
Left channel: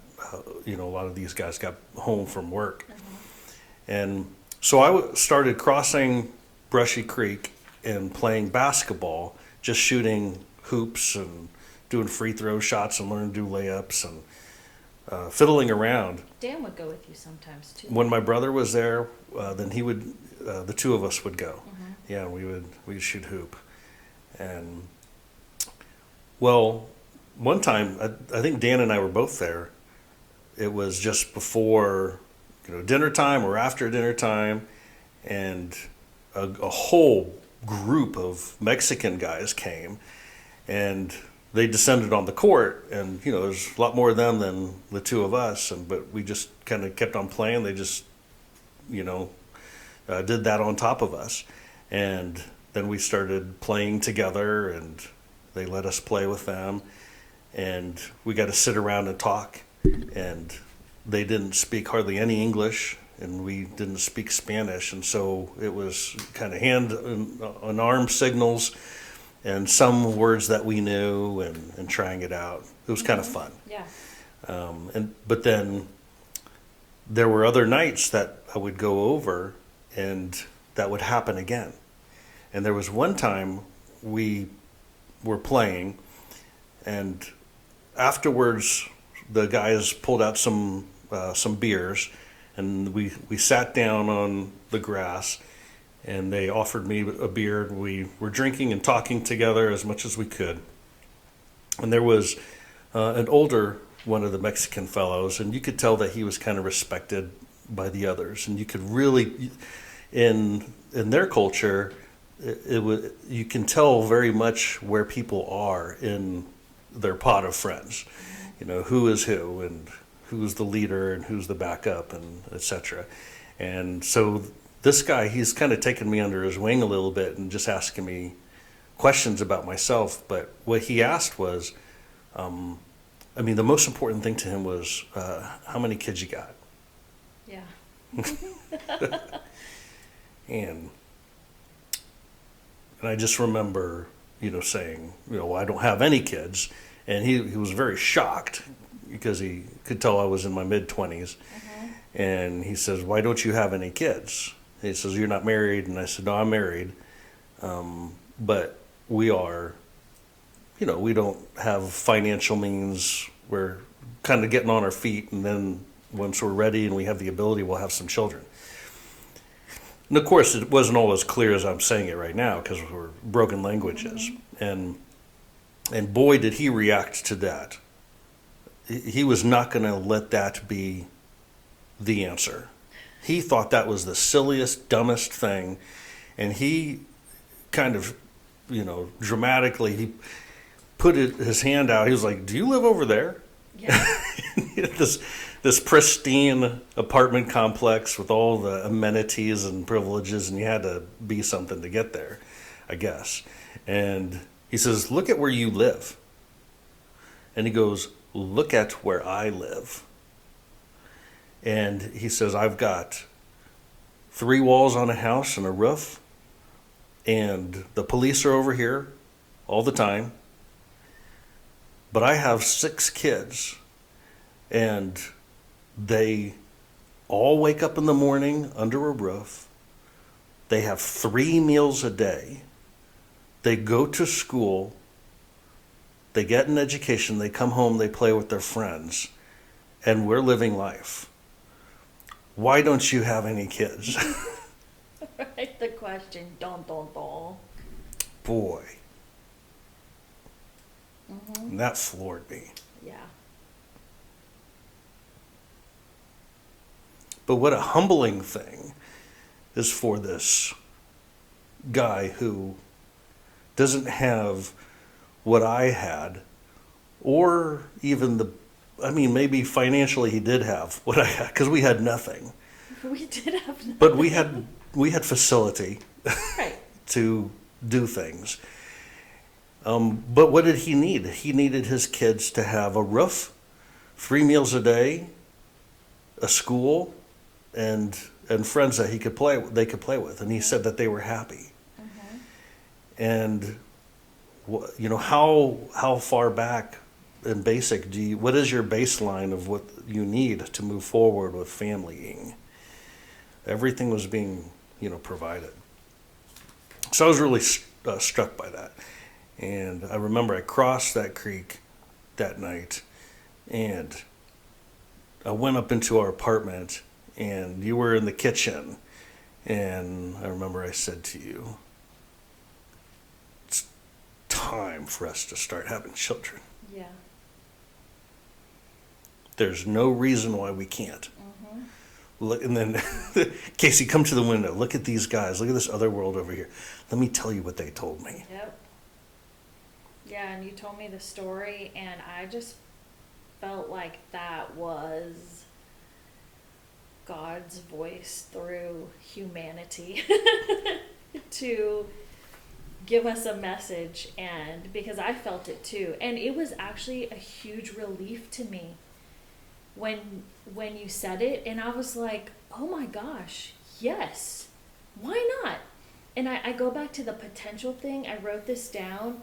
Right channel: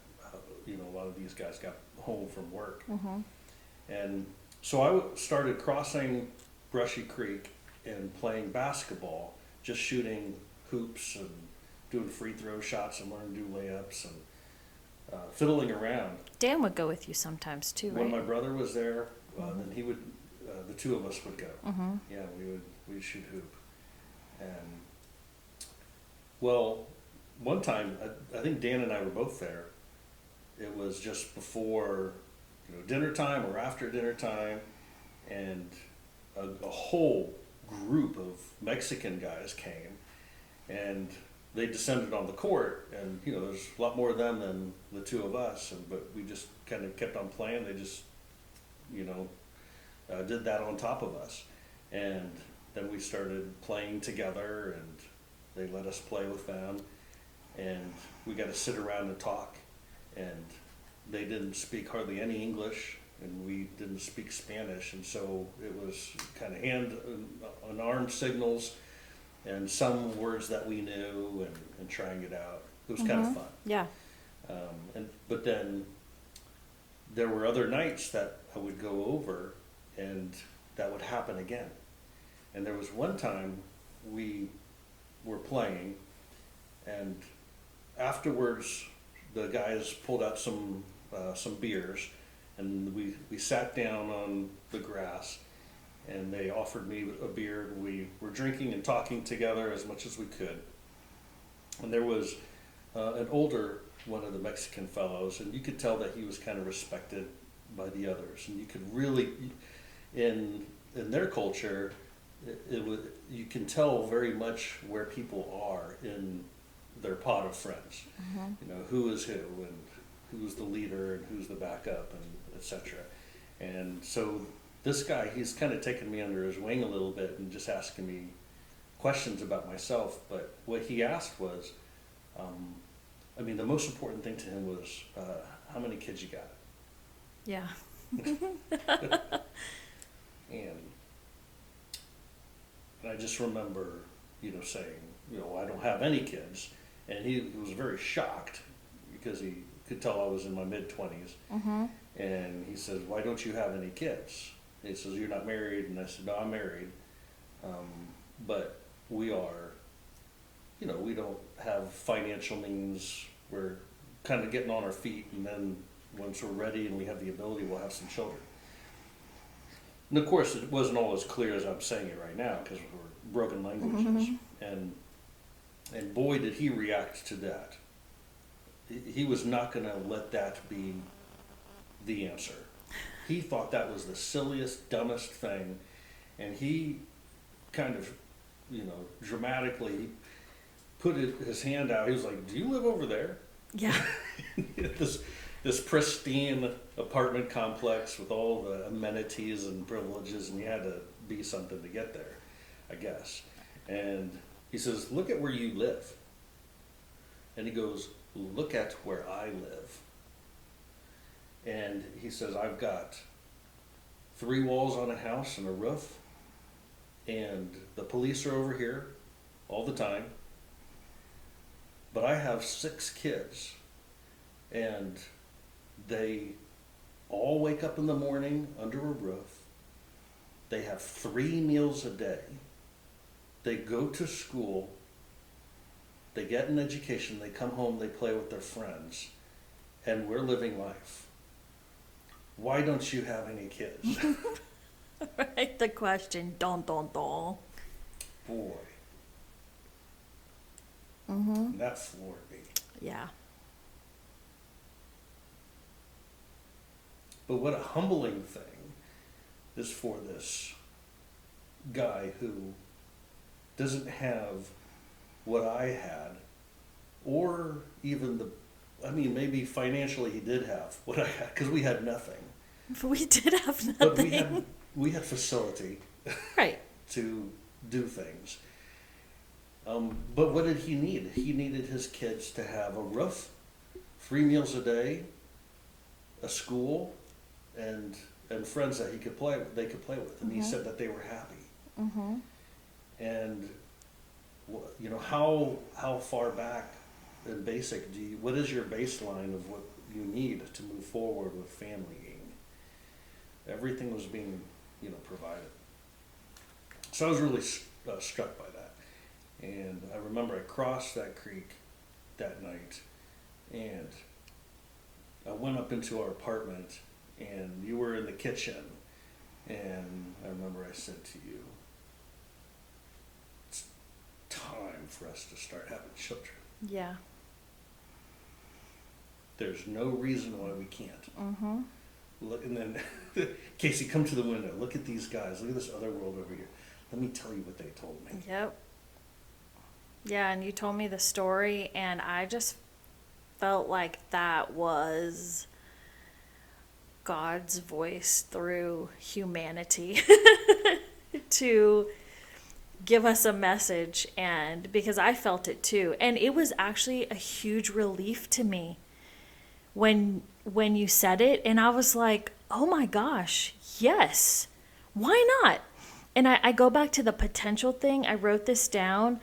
a lot of these guys got home from work. And so I started crossing Brushy Creek and playing basketball, just shooting hoops and doing free throw shots and learning to do layups and fiddling around. Dan would go with you sometimes too. When my brother was there, then he would, the two of us would go. Yeah, we'd shoot hoop. And, well, one time, I think Dan and I were both there. It was just before, dinner time or after dinner time, and a whole group of Mexican guys came, and they descended on the court, and there's a lot more of them than the two of us, but we just kind of kept on playing. They just did that on top of us, and then we started playing together, and they let us play with them, and we got to sit around and talk, and they didn't speak hardly any English, and we didn't speak Spanish, and so it was kind of hand and arm signals and some words that we knew, and trying it out. It was kind of fun. Yeah. But then there were other nights that I would go over, and that would happen again. And there was one time we were playing, and afterwards the guys pulled out some beers, and we sat down on the grass, and they offered me a beer, and we were drinking and talking together as much as we could. And there was an older one of the Mexican fellows, and you could tell that he was kind of respected by the others, and you could really, in their culture, you can tell very much where people are in their pot of friends. Who is who, and who's the leader, and who's the backup, and etc. And so this guy, he's kind of taken me under his wing a little bit and just asking me questions about myself. But what he asked was, the most important thing to him was, how many kids you got? Yeah. And I just remember, saying, I don't have any kids. And he was very shocked because he could tell I was in my mid-20s. And he says, why don't you have any kids? He says, you're not married? And I said, no, I'm married. But we are, we don't have financial means. We're kind of getting on our feet. And then once we're ready and we have the ability, we'll have some children. And of course, it wasn't all as clear as I'm saying it right now because we're broken languages. And boy, did he react to that. He was not going to let that be the answer. He thought that was the silliest, dumbest thing. And he kind of, dramatically, he put his hand out. He was like, do you live over there? Yeah. This pristine apartment complex with all the amenities and privileges, and you had to be something to get there, I guess. And he says, look at where you live. And he goes, look at where I live. And he says, I've got 3 walls on a house and a roof, and the police are over here all the time. But I have 6 kids, and they all wake up in the morning under a roof. They have 3 meals a day. They go to school, they get an education, they come home, they play with their friends, and we're living life. Why don't you have any kids? Right, the question, don. Boy. And that floored me. Yeah. But what a humbling thing is for this guy who doesn't have what I had, or even maybe financially he did have what I had, because we had nothing. We did have nothing. But we had facility Right. to do things. But what did he need? He needed his kids to have a roof, 3 meals a day, a school, and friends that they could play with. And he said that they were happy. Mm-hmm. And how far back in basic what is your baseline of what you need to move forward with familying? Everything was being provided. So I was really struck by that. And I remember I crossed that creek that night, and I went up into our apartment, and you were in the kitchen, and I remember I said to you, it's time for us to start having children. Yeah. There's no reason why we can't. Mm-hmm. Look, and then, Casey, come to the window. Look at these guys. Look at this other world over here. Let me tell you what they told me. Yep. Yeah, and you told me the story, and I just felt like that was God's voice through humanity to give us a message, and because I felt it too. And it was actually a huge relief to me when you said it, and I was like, oh my gosh, yes, why not? And I go back to the potential thing. I wrote this down,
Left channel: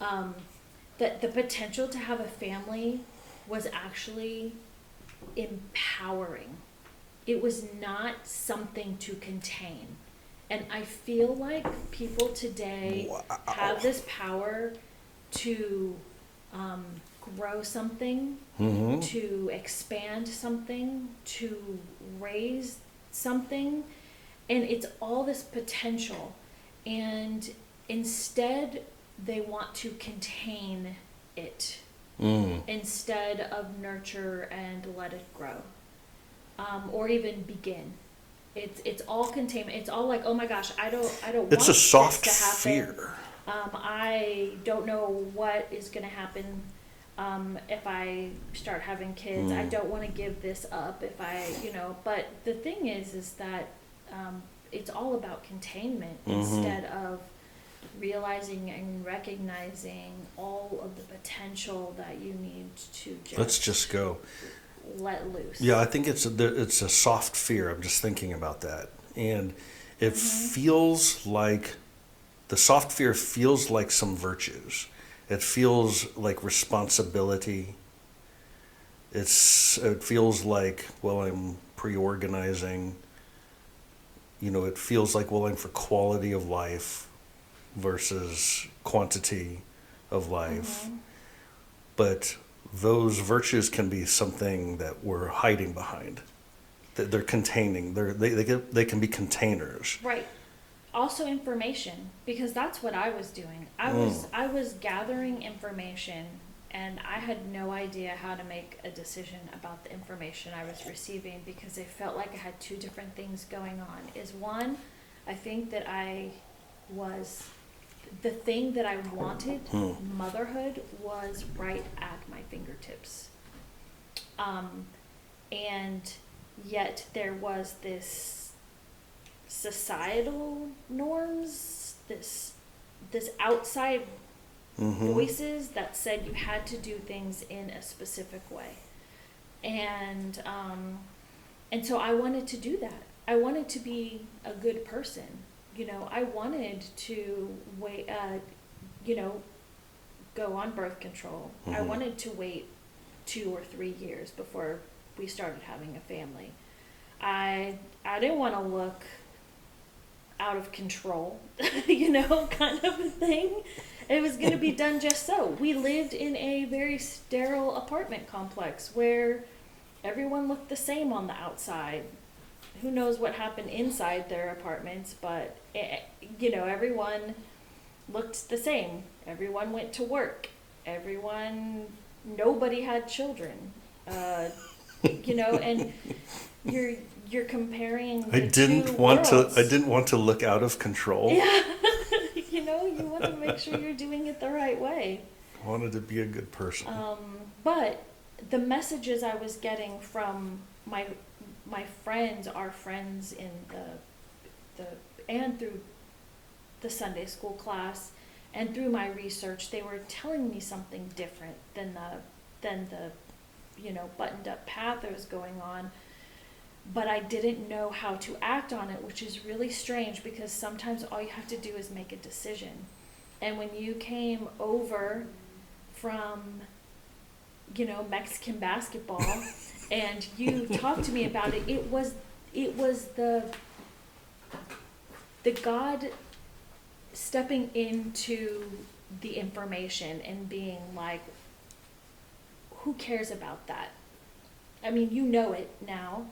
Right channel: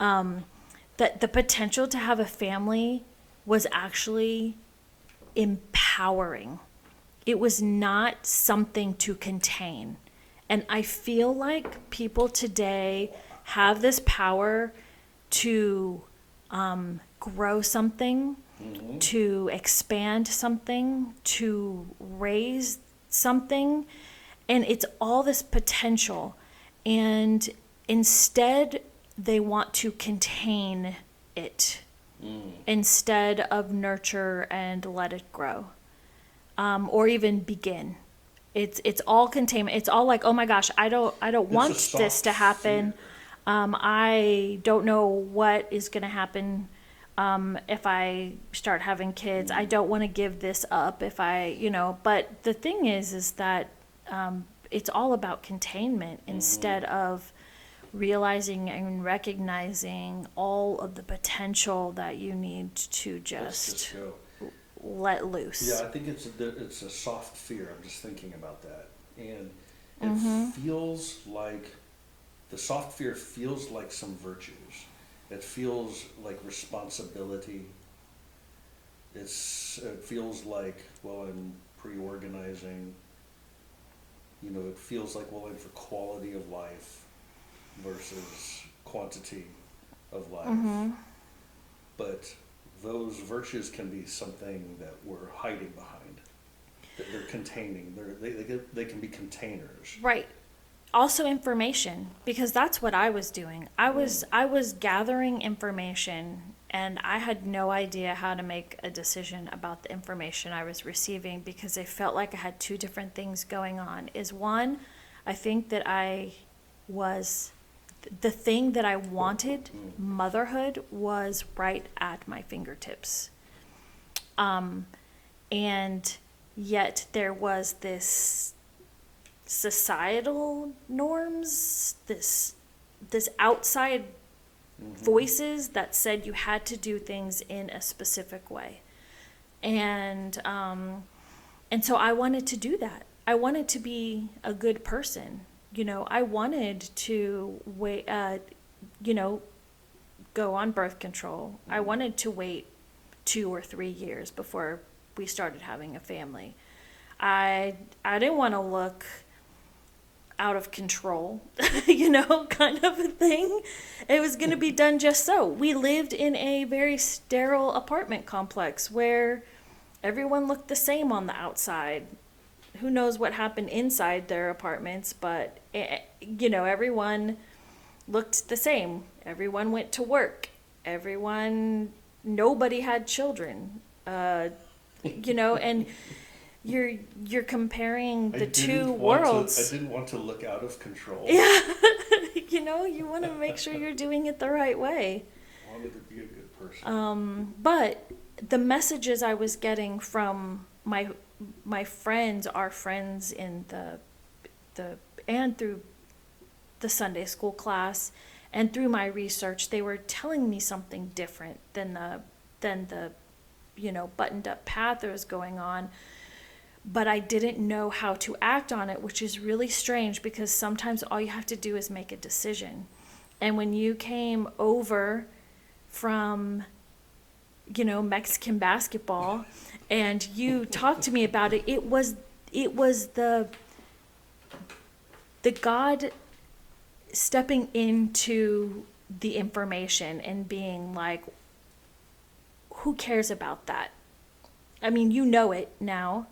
that the potential to have a family was actually empowering. It was not something to contain. And I feel like people today have this power to grow something, to expand something, to raise something, and it's all this potential. And instead, they want to contain it instead of nurture and let it grow, or even begin. It's all containment. It's all like, oh my gosh, I don't want this to happen. Fear. I don't know what is going to happen if I start having kids. I don't want to give this up if I, but the thing is that it's all about containment instead of realizing and recognizing all of the potential that you need to Let's just go. let loose. Yeah, I think it's a soft fear. I'm just thinking about that. And it feels like, the soft fear feels like some virtues. It feels like responsibility. It feels like, well, I'm pre-organizing. It feels like, well, I'm for quality of life versus quantity of life. But those virtues can be something that we're hiding behind, that they're containing. They can be containers. Right. Also information, because that's what I was doing. I was gathering information, and I had no idea how to make a decision about the information I was receiving, because I felt like I had two different things going on. Is one, I think that the thing that I wanted, motherhood, was right at my fingertips. And yet there was this societal norms, this outside voices that said you had to do things in a specific way. And so I wanted to do that. I wanted to be a good person. I wanted to go on birth control. I wanted to wait 2 or 3 years before we started having a family. I didn't want to look out of control, kind of a thing. It was going to be done just so. We lived in a very sterile apartment complex where everyone looked the same on the outside. Who knows what happened inside their apartments, but, everyone looked the same. Everyone went to work. Nobody had children, and you're comparing the two worlds. I didn't want to look out of control. Yeah, you want to make sure you're doing it the right way. I wanted to be a good person. But the messages I was getting from my friends, our friends in the and through the Sunday school class and through my research, they were telling me something different than the buttoned up path that was going on. But I didn't know how to act on it, which is really strange because sometimes all you have to do is make a decision. And when you came over from, Mexican basketball and you talked to me about it, it was the God stepping into the information and being like, who cares about that? I mean, you know it now.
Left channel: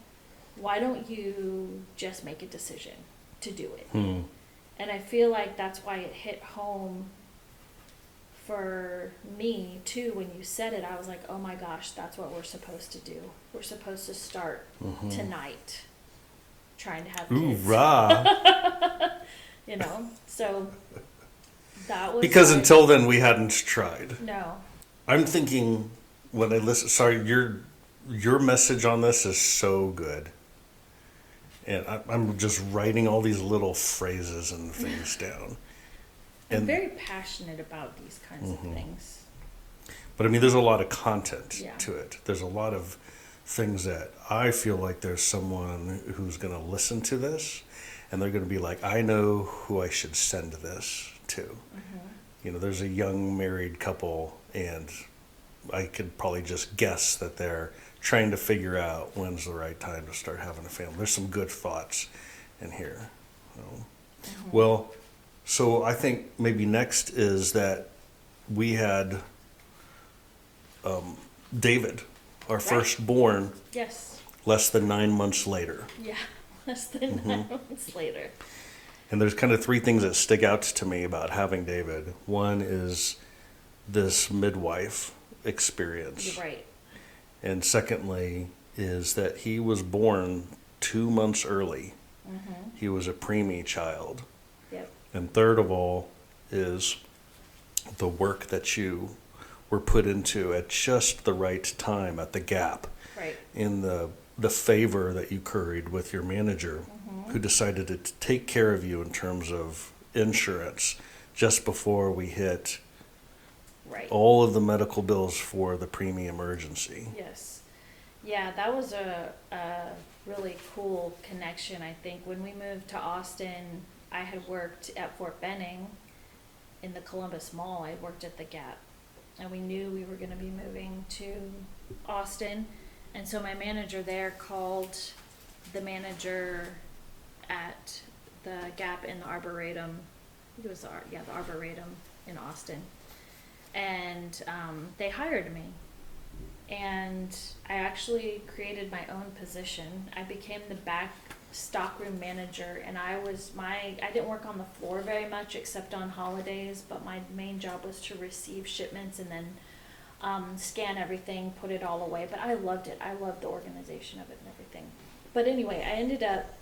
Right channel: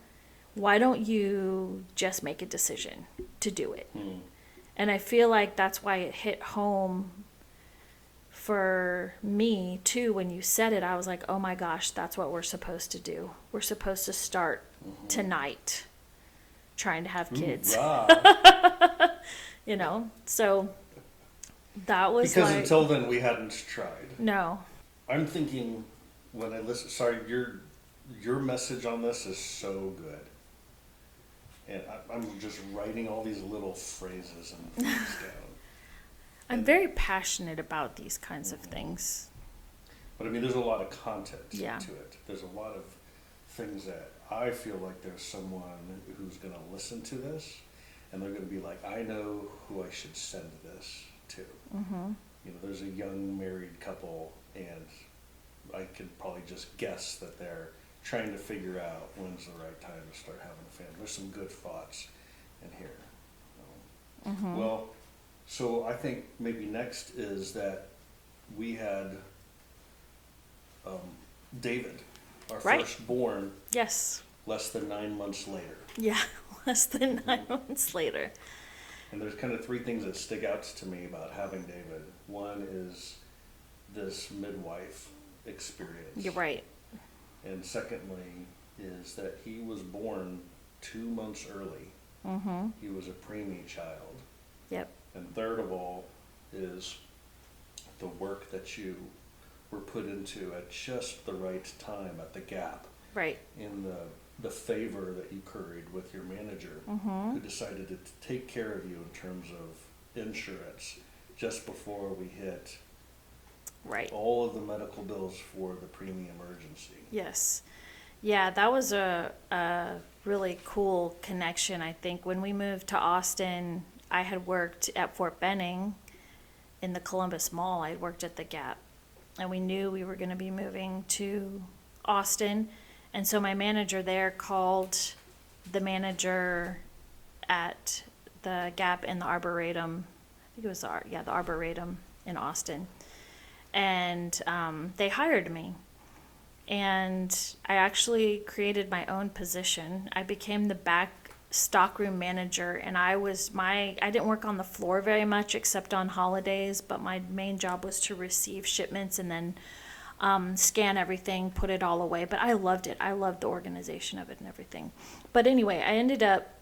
Why don't you just make a decision to do it? And I feel like that's why it hit home for me too. When you said it, I was like, oh my gosh, that's what we're supposed to do. We're supposed to start tonight trying to have kids. So that was because until then we hadn't tried. No. I'm thinking when I listen, sorry, your message on this is so good. And I'm just writing all these little phrases and things down. I'm very passionate about these kinds of things. But I mean, there's a lot of content Yeah. to it. There's a lot of things that I feel like there's someone who's going to listen to this and they're going to be like, I know who I should send this to. There's a young married couple and I could probably just guess that they're trying to figure out when's the right time to start having a family. There's some good thoughts in here. Well, so I think maybe next is that we had David, our firstborn, Yes. less than 9 months later. Yeah. Less than 9 months later. And there's kind of three things that stick out to me about having David. One is this midwife experience. You're right. And secondly is that he was born 2 months early. He was a preemie child. Yep. And third of all is the work that you were put into at just the right time, at the gap. Right. In the favor that you curried with your manager, who decided to take care of you in terms of insurance just before we hit all of the medical bills for the preemie emergency. Yes. Yeah, that was a really cool connection, I think. When we moved to Austin, I had worked at Fort Benning in the Columbus Mall. I worked at the Gap. And we knew we were going to be moving to Austin. And so my manager there called the manager at the Gap and the Arboretum. It was the Arboretum in Austin. And they hired me. And I actually created my own position. I became the back stockroom manager, and I didn't work on the floor very much except on holidays, but my main job was to receive shipments and then scan everything, put it all away. But I loved it. I loved the organization of it and everything. But anyway, I ended up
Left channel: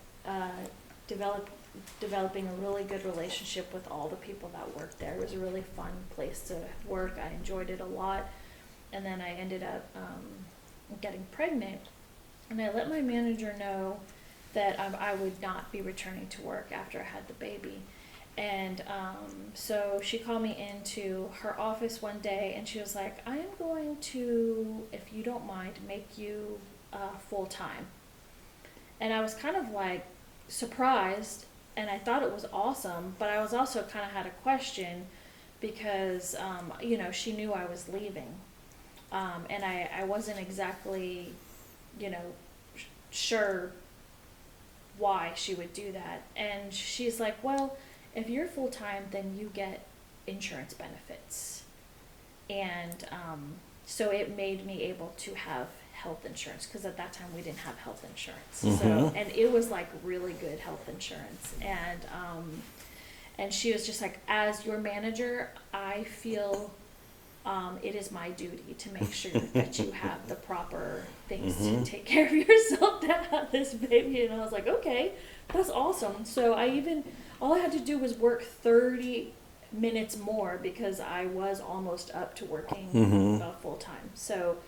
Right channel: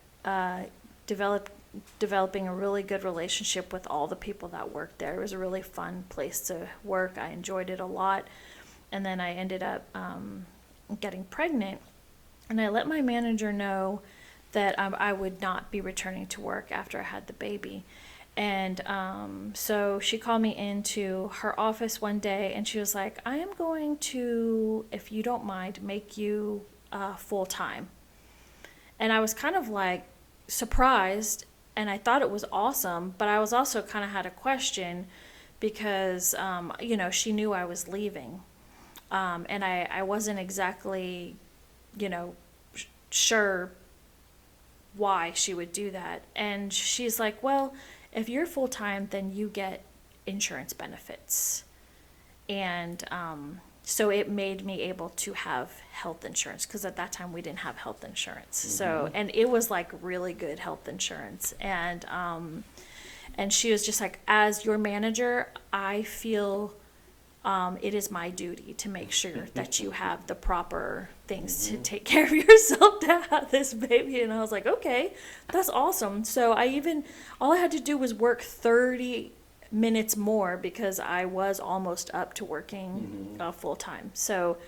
developing a really good relationship with all the people that worked there. It was a really fun place to work. I enjoyed it a lot. And then I ended up getting pregnant, and I let my manager know that I would not be returning to work after I had the baby. And so she called me into her office one day, and she was like, I am going to, if you don't mind, make you full-time. And I was kind of like surprised, and I thought it was awesome, but I was also kind of had a question because, she knew I was leaving. And I wasn't exactly, sure why she would do that. And she's like, well, if you're full-time, then you get insurance benefits. And so it made me able to have health insurance, because at that time we didn't have health insurance. So, and it was like really good health insurance. And she was just like, as your manager, I feel it is my duty to make sure that you have the proper things to take care of yourself to have this baby. And I was like, okay, that's awesome. So all I had to do was work 30 minutes more because I was almost up to working full time. So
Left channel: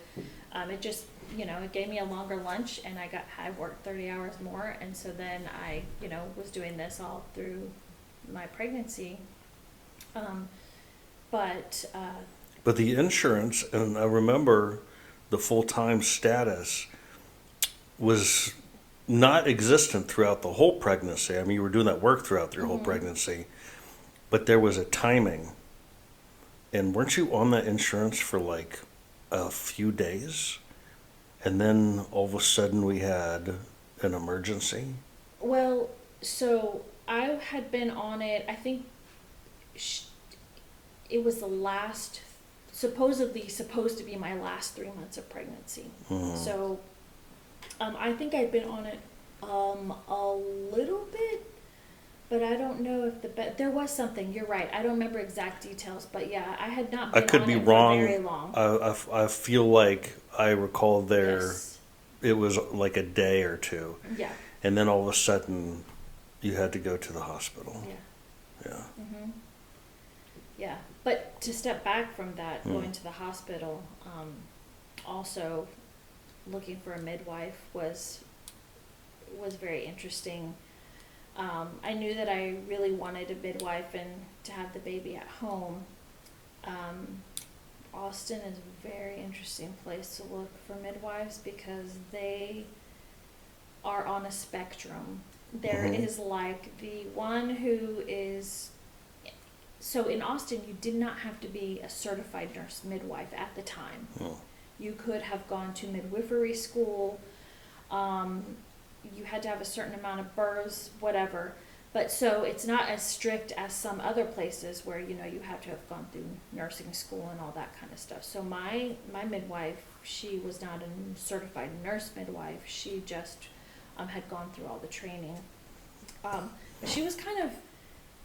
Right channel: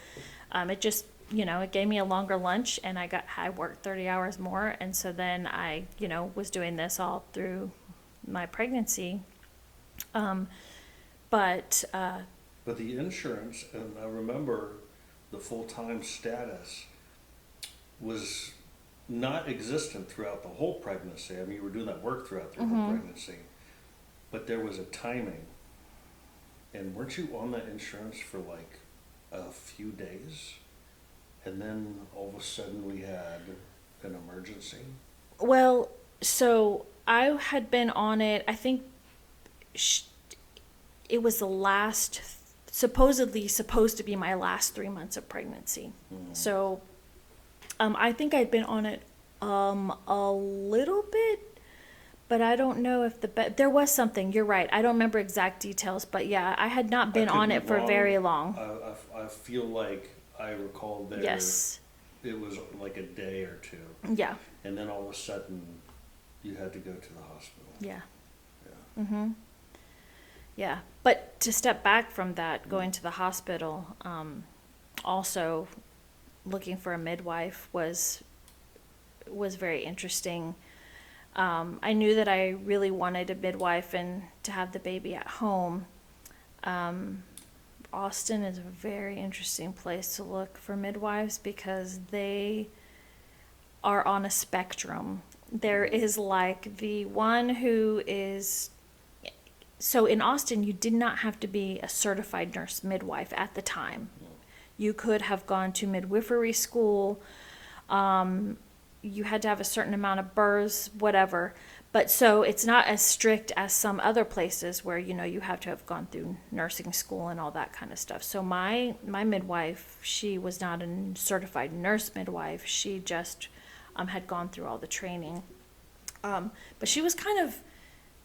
it just it gave me a longer lunch, and I worked 30 hours more. And so then I, was doing this all through my pregnancy. But But the insurance, and I remember the full-time status was not existent throughout the whole pregnancy. I mean, you were doing that work throughout your whole pregnancy, but there was a timing. And weren't you on that insurance for like a few days? And then all of a sudden we had an emergency? well, so I had been on it. I think it was supposedly supposed to be my last 3 months of pregnancy. So I think I'd been on it a little bit, but I don't know if there was something. You're right. I don't remember exact details, but yeah, I had not I been could on be it wrong. for very long. I feel like I recall Yes. it was like a day or two. Yeah. And then all of a sudden you had to go to the hospital. Yeah. Yeah. Yeah. But to step back from that, going to the hospital, also looking for a midwife was very interesting. I knew that I really wanted a midwife and to have the baby at home. Austin is a very interesting place to look for midwives because they are on a spectrum. There is like the one who is. So in Austin, you did not have to be a certified nurse midwife at the time. You could have gone to midwifery school. You had to have a certain amount of births, whatever. But so it's not as strict as some other places where, you have to have gone through nursing school and all that kind of stuff. So my midwife, she was not a certified nurse midwife. She just had gone through all the training. But she was kind of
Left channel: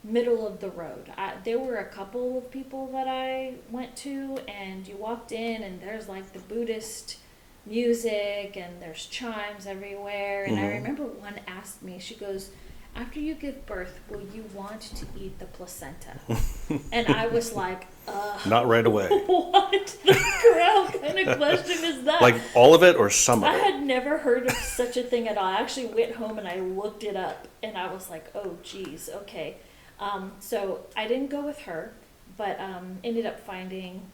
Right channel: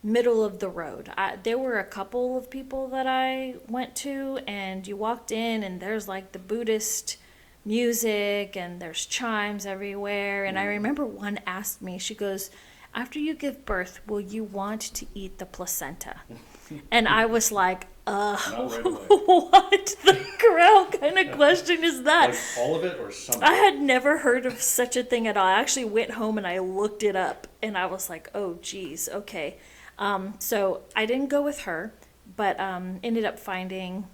middle of the road. There were a couple of people that I went to, and you walked in and there's like the Buddhist music and there's chimes everywhere. And I remember one asked me, she goes, "After you give birth, will you want to eat the placenta?" And I was like, Not right away. what the crowd kind of question is that? Like all of it or some of I it? had never heard of such a thing at all. I actually went home and I looked it up, and I was like, oh geez, okay. So I didn't go with her, but ended up finding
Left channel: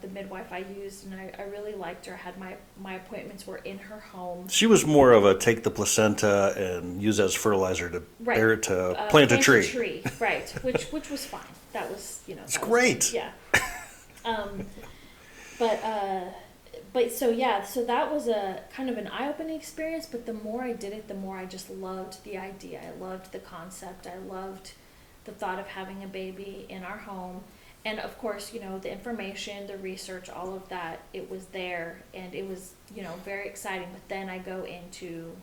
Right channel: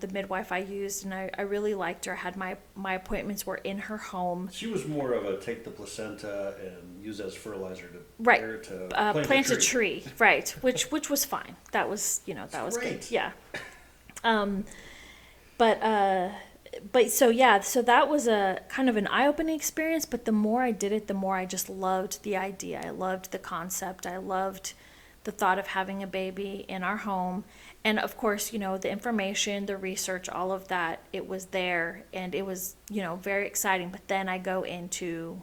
the midwife I used, and I really liked her. Had my appointments were in her home. She was more of a take the placenta and use as fertilizer to Right. bear it to plant a tree. Right, which was fine. That was, It's that was great. good. Yeah. But so yeah, so that was a kind of an eye-opening experience, but the more I did it, the more I just loved the idea. I loved the concept. I loved the thought of having a baby in our home. And of course, the information, the research, all of that, it was there, and it was, very exciting. But then I go into,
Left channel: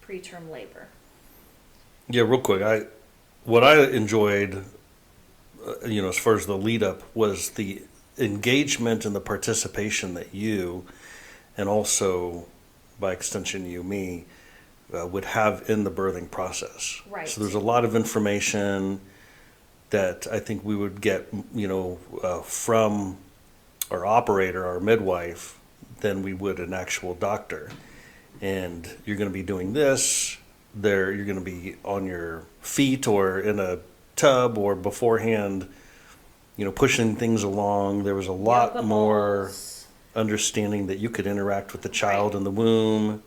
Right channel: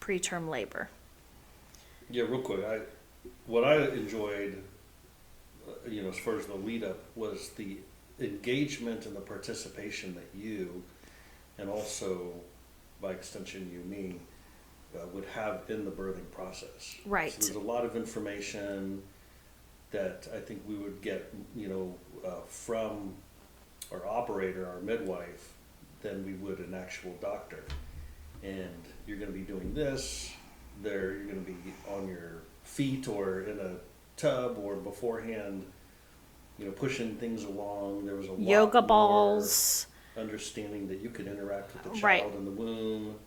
preterm labor. Yeah, real quick. What I enjoyed, as far as the lead up, was the engagement and the participation that you, and also by extension me, would have in the birthing process. Right. So there's a lot of information that I think we would get, from our operator, our midwife, than we would an actual doctor. And you're going to be doing this. You're going to be on your feet or in a tub or beforehand, pushing things along. There was a lot Yoga more balls. understanding that you could interact with the child Right. in the womb.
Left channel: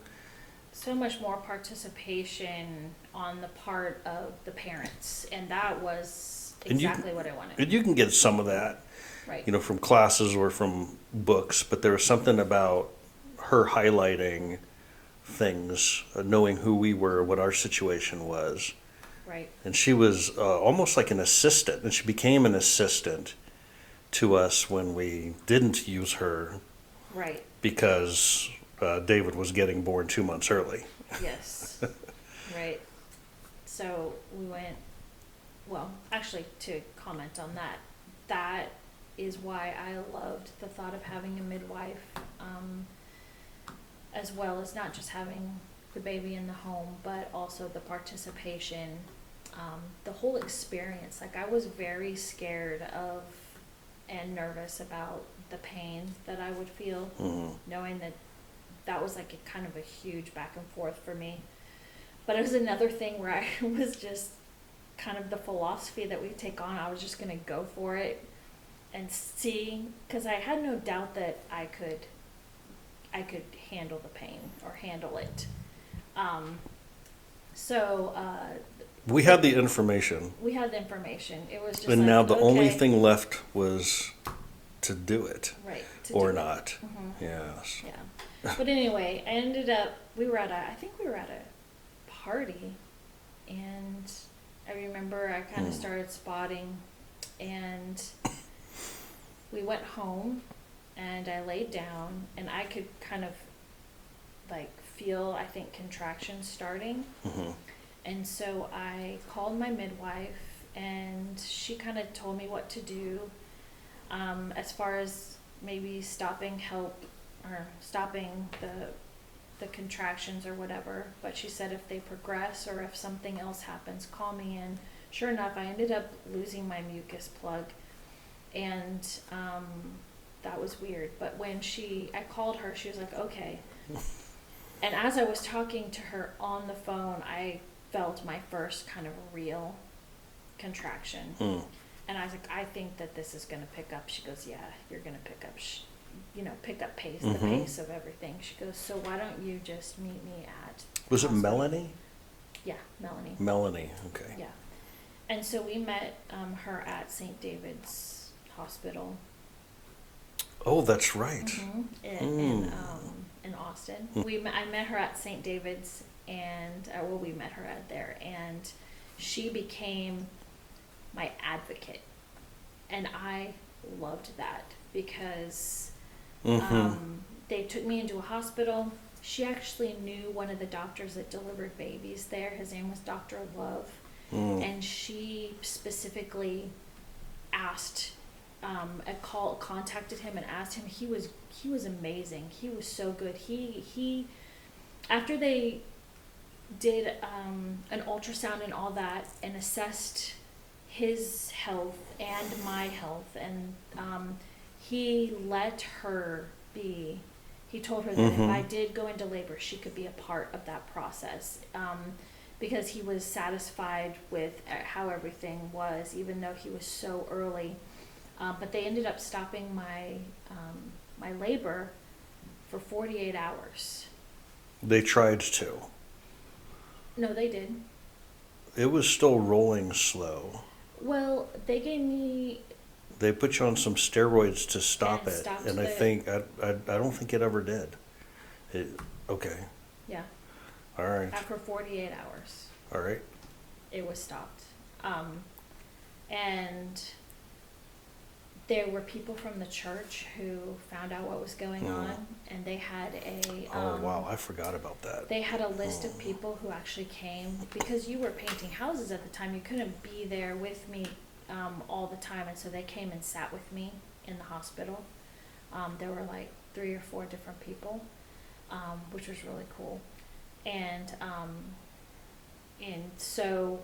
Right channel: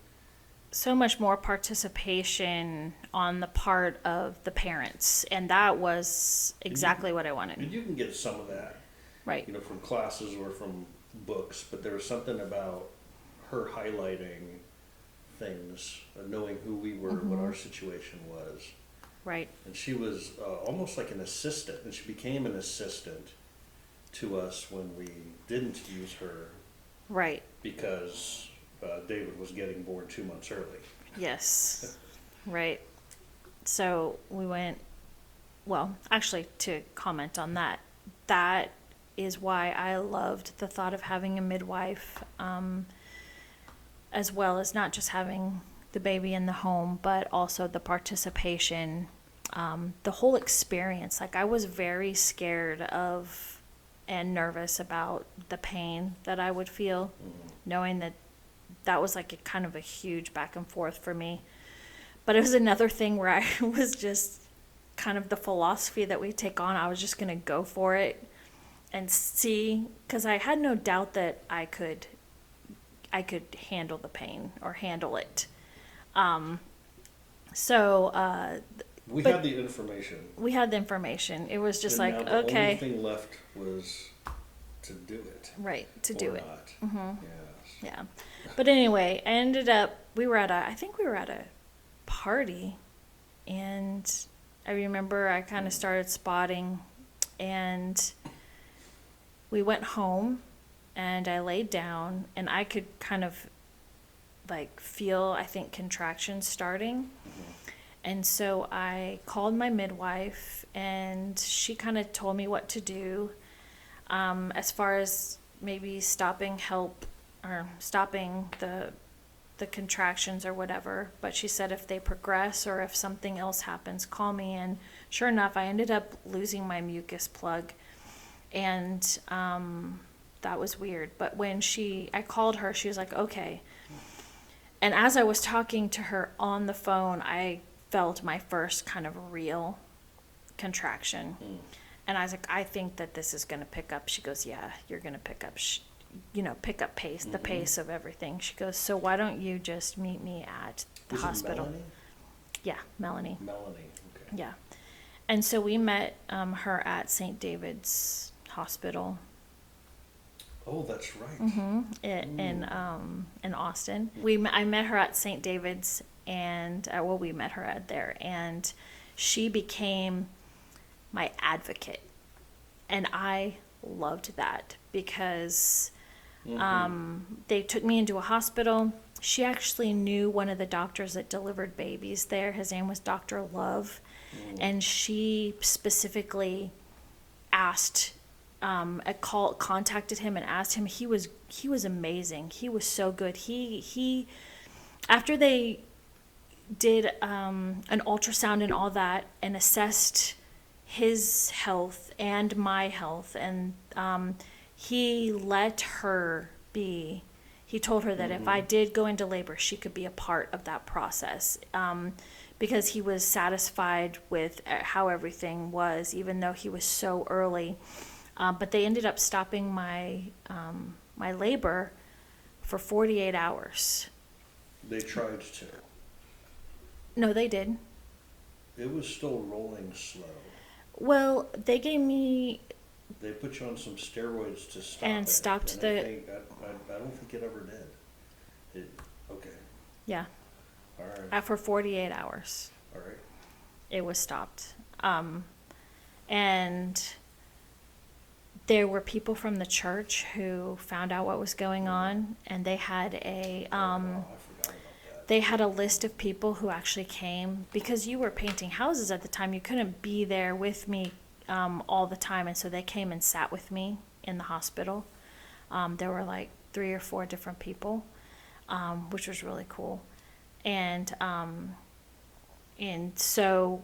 So much more participation on the part of the parents, and that was exactly what I wanted. And you can get some of that, Right. from classes or from books, but there was something about her highlighting things, knowing who we were, what our situation was. Right. And she was almost like an assistant, and she became an assistant to us when we didn't use her Right. because David was getting born 2 months early. Yes. Right. So we went, actually, to comment on that, that is why I loved the thought of having a midwife, as well as not just having the baby in the home, but also the participation, the whole experience. Like, I was very scared of and nervous about the pain that I would feel, knowing that that was like a kind of a huge back and forth for me. But it was another thing where I was just kind of the philosophy that we take on. I was just going to go for it and see, because I had no doubt that I could handle the pain or handle it. We had the information. We had the information. It was just And like, now the okay. only thing left was to do it. Right, to or do not. it. Mm-hmm. Yes. Yeah. But anyway, I ended up, I think we were at a party, and I remember I kind of started spotting, and we went home, and I laid down, and I could kind of like feel, I think, contractions starting. Mm-hmm. And so I called my midwife, and she kind of told me what to do, as far as maybe stopping the contractions or whatever. But she said if they progress or if something else happens, call me. And sure enough, I ended up losing my mucus plug, and that was weird. But when I called her, she was like, okay. And as I was talking to her on the phone, I felt my first kind of real contraction. And I was like, I think that this is going to pick up. She goes, yeah, you're going to pick up, pick up pace, the pace of everything. She goes, so why don't you just meet me at Was it hospital? Melanie? Yeah, Melanie. Melanie, okay. Yeah. And so we met her at St. David's Hospital. Oh, that's right. In Austin. I met her at St. David's, and we met her at there, and she became my advocate, and I loved that because they took me into a hospital. She actually knew one of the doctors that delivered babies there. His name was Dr. Love, and she specifically asked. Contacted him and asked him. He was amazing. He was so good. He after they did an ultrasound and all that and assessed his health and my health, and he let her be. He told her that if I did go into labor, she could be a part of that process, because he was satisfied with how everything was, even though he was so early. But they ended up stopping my labor for 48 hours. They tried to. No, they did. It was still rolling slow. Well, they gave me... They put you on some steroids to stop and it. Stopped and I don't think it ever did. Okay. Yeah. All right. After 48 hours. All right. It was stopped. And there were people from the church who found out what was going on, and they had oh, wow, I forgot about that. They had a list of people who actually came, because you were painting houses at the time. You couldn't be there with me all the time, and so they came and sat with me in the hospital. There were like 3 or 4 different people, which was really cool. And so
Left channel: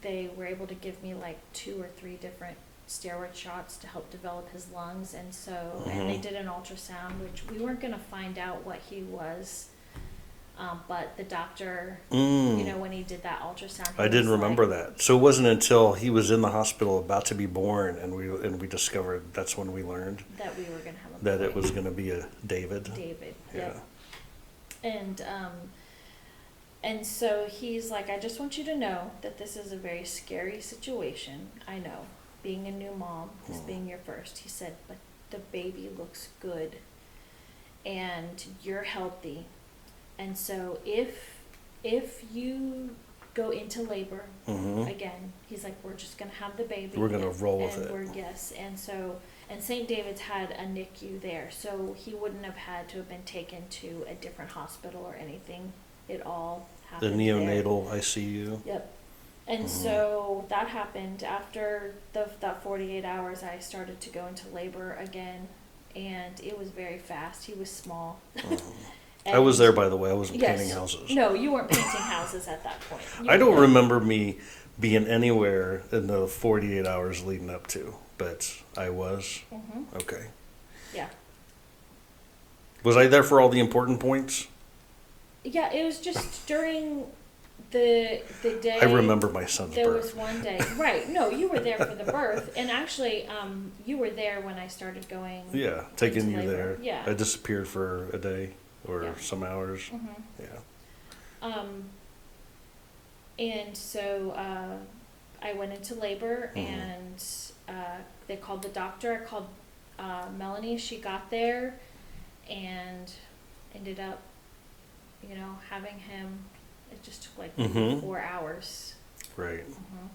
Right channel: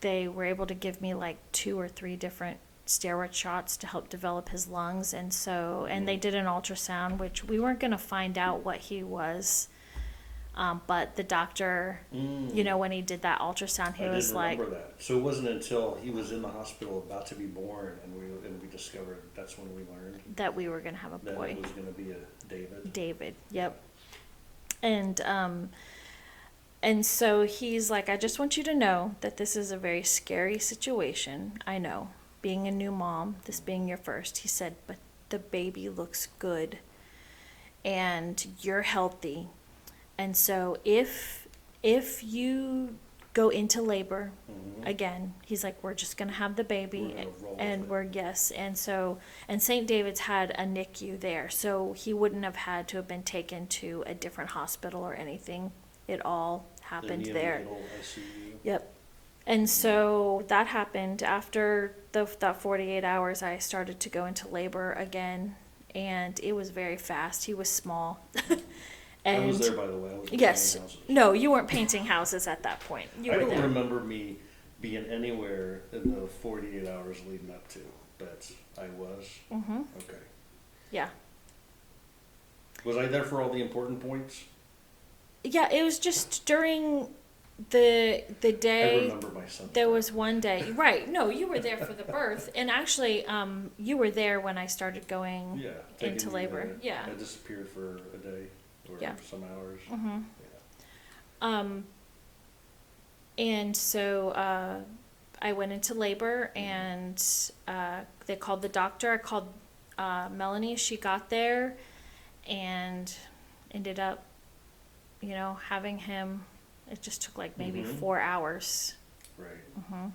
they were able to give me like 2 or 3 different steroid shots to help develop his lungs, and so and they did an ultrasound, which we weren't going to find out what he was, but the doctor, when he did that ultrasound, I didn't remember that. So it wasn't until he was in the hospital about to be born, and we discovered, that's when we learned that we were going to have a boy. That it was going to be a David. Yep. And so he's like, I just want you to know that this is a very scary situation. I know, being a new mom, this being your first. He said, but the baby looks good, and you're healthy. And so if you go into labor again, he's like, we're just going to have the baby. We're going to roll with it. Yes. And St. David's had a NICU there, so he wouldn't have had to have been taken to a different hospital or anything. It all happened there. The neonatal ICU. Yep. And so that happened after that 48 hours. I started to go into labor again, and it was very fast. He was small. I was there, by the way. I wasn't painting houses. No, you weren't painting houses at that point. I don't remember me being anywhere in the 48 hours leading up to, but I was. Mm-hmm. Okay. Yeah. Was I there for all the important points? Yeah, it was just during the day. I remember my son's There birth. was one day. Right. No, you were there for the birth. And actually, you were there when I started going Yeah, taking into you labor. there. Yeah. I disappeared for a day or Yeah. some hours. Mm-hmm. Yeah. And so I went into labor, Mhm. and they called the doctor. I called Melanie. She got there and ended up, having him. It just took like maybe Mhm. 4 hours. Right. Mm-hmm.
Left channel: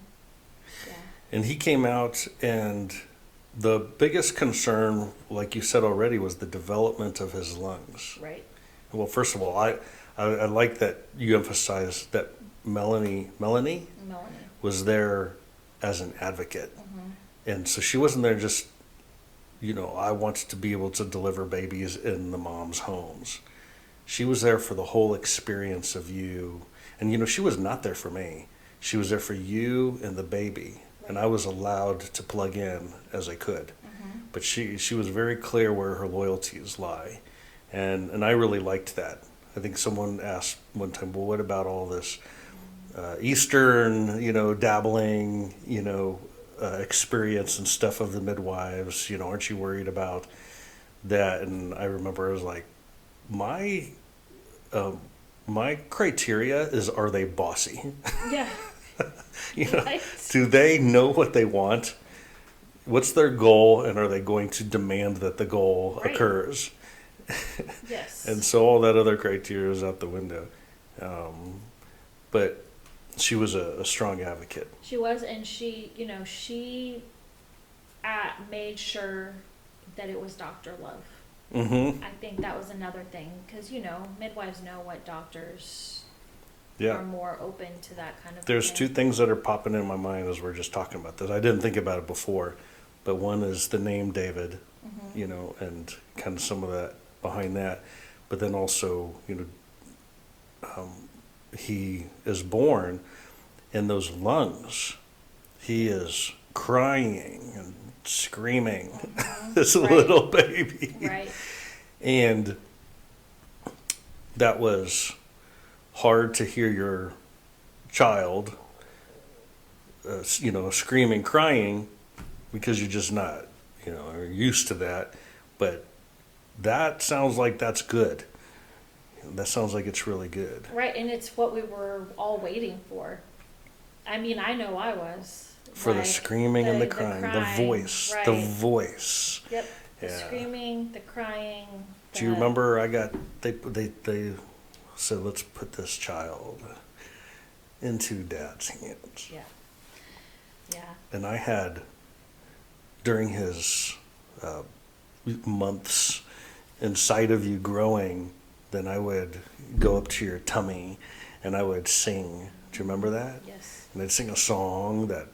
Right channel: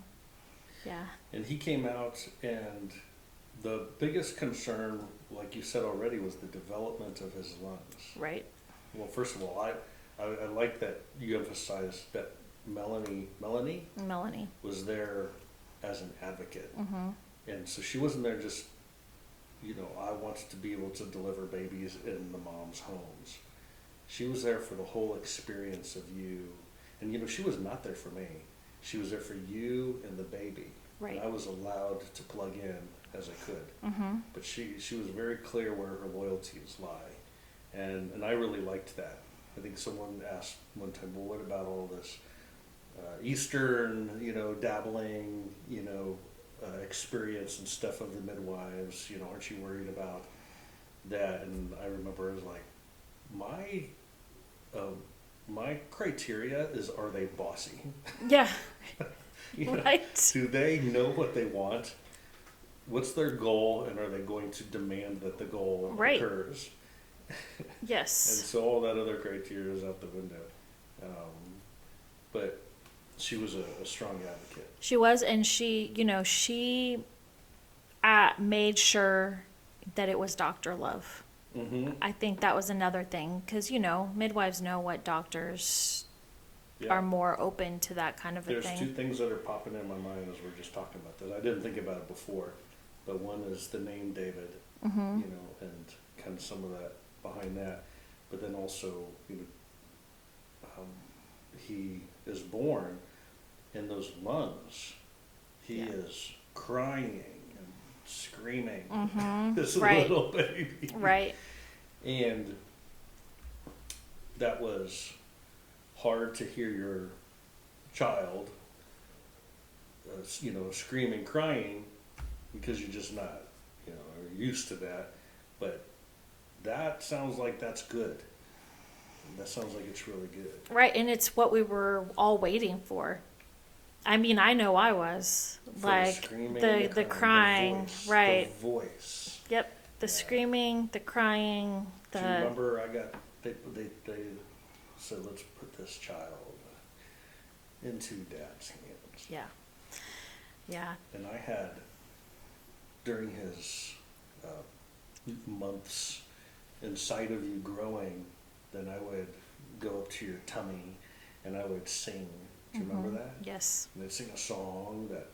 Yeah. And he came out, and the biggest concern, like you said already, was the development of his lungs. Right. Well, first of all, I like that you emphasized that Melanie Melanie. was there as an advocate. Mm-hmm. And so she wasn't there just, I want to be able to deliver babies in the moms' homes. She was there for the whole experience of you. And, she was not there for me. She was there for you and the baby. Right. And I was allowed to plug in as I could. Mm-hmm. But she was very clear where her loyalties lie. And I really liked that. I think someone asked one time, well, what about all this Eastern, dabbling, experience and stuff of the midwives? Aren't you worried about that? And I remember I was like, my criteria is, are they bossy? Yeah. Right. Do they know what they want? What's their goal, and are they going to demand that the goal Right. occurs? Yes. And so all that other criteria is out the window. But she was a strong advocate. She was, and she made sure that it was Dr. Love. Mm-hmm. I think that was another thing, because, midwives know what doctors Yeah. are more open to that kind of There's thing. two things that are popping in my mind as we're just talking about this. I didn't think about it before, but one is the name David, Mm-hmm. and kind of some of that behind that. But then also, he is born in those lungs. He is crying and screaming, Mm-hmm. this Right. little baby. Right. And that was hard to hear your child, screaming, crying, because you're just not, are used to that. But that sounds like that's good. That sounds like it's really good. Right, and it's what we were all waiting for. I mean, I know I was. For the screaming and the crying, the voice, right. the voice. Yep, the Yeah. screaming, the crying. Do you remember they said, let's put this child into Dad's hands. Yeah. Yeah. And I had, during his months inside of you growing, then I would go up to your tummy and I would sing. Do you remember that? Yes. And I'd sing a song that,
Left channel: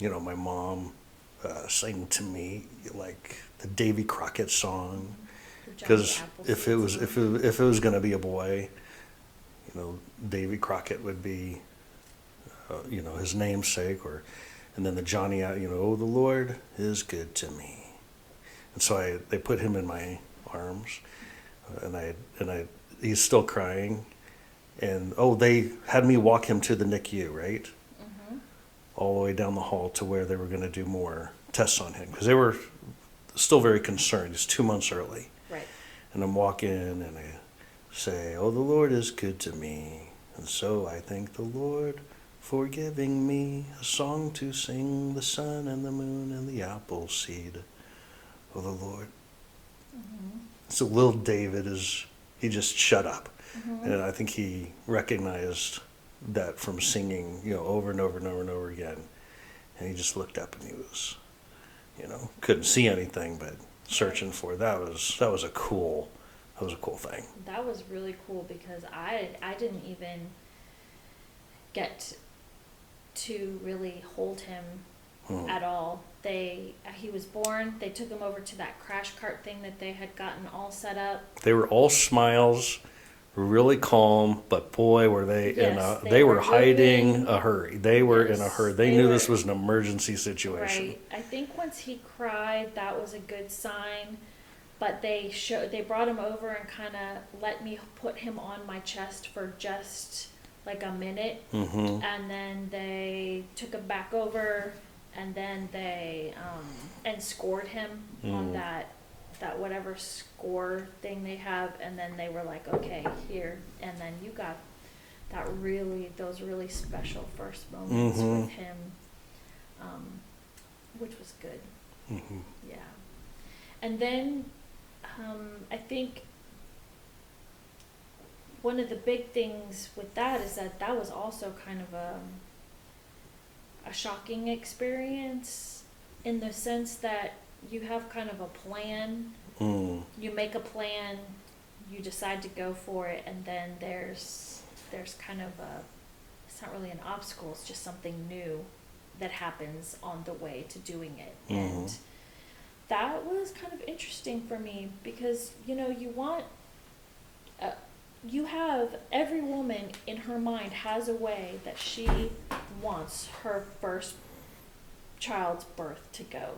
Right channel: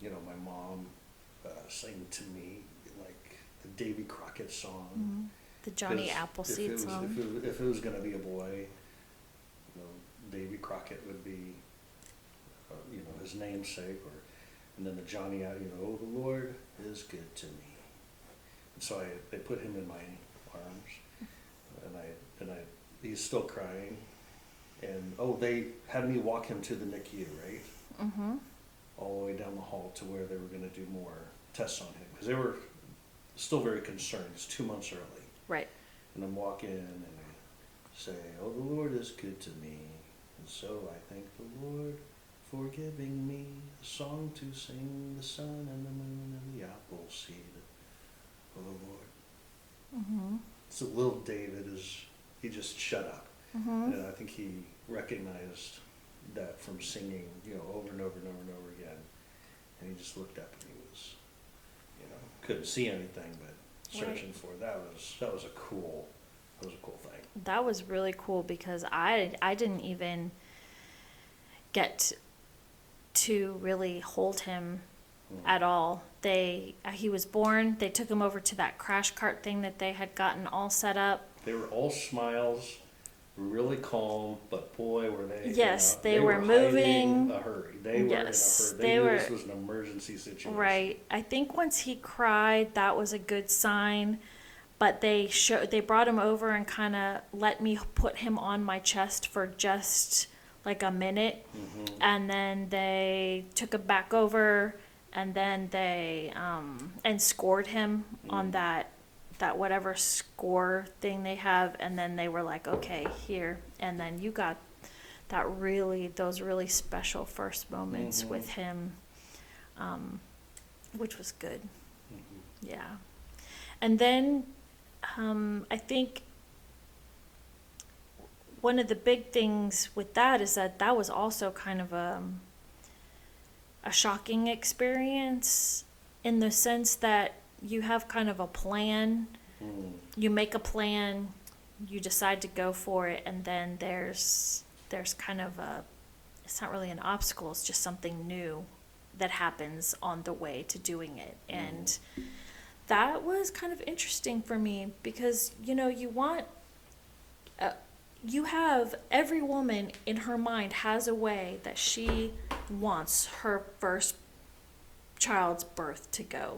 my mom sang to me, like the Davy Crockett song. The Johnny Because Appleseed if it was song. if it was going to be a boy, Davy Crockett would be, his namesake, and then the Johnny, oh, the Lord is good to me, and so they put him in my arms, and he's still crying, and they had me walk him to the NICU, right, Mm-hmm. all the way down the hall to where they were going to do more tests on him because they were still very concerned. It's 2 months early. Right. And I'm walking and I say, oh, the Lord is good to me. And so I thank the Lord for giving me a song to sing, the sun and the moon and the apple seed. Oh, the Lord. Mm-hmm. So little David he just shut up. Mm-hmm. And I think he recognized that from singing, over and over and over and over again. And he just looked up and he was, couldn't see anything, but searching for it. That was a cool thing. That was really cool because I didn't even get to really hold him at all. He was born. They took him over to that crash cart thing that they had gotten all set up. They were all smiles, really calm, but boy, were they Yes, they were hiding moving. a hurry. They were in a Yes, hurry. They they knew were. this was an emergency situation. Right. I think once he cried, that was a good sign. But they brought him over and kind of let me put him on my chest for just like a minute, and then they took him back over, and then they and scored him on that whatever score thing they have, and then they were like, okay, here, and then you got those really special first moments with him, which was good. Yeah. And then I think one of the big things with that is that was also kind of a shocking experience, in the sense that you have kind of a plan. You make a plan, you decide to go for it, and then there's kind of it's not really an obstacle, it's just something new that happens on the way to doing it. And that was kind of interesting for me, because you have every woman in her mind has a way that she wants her first child's birth to go,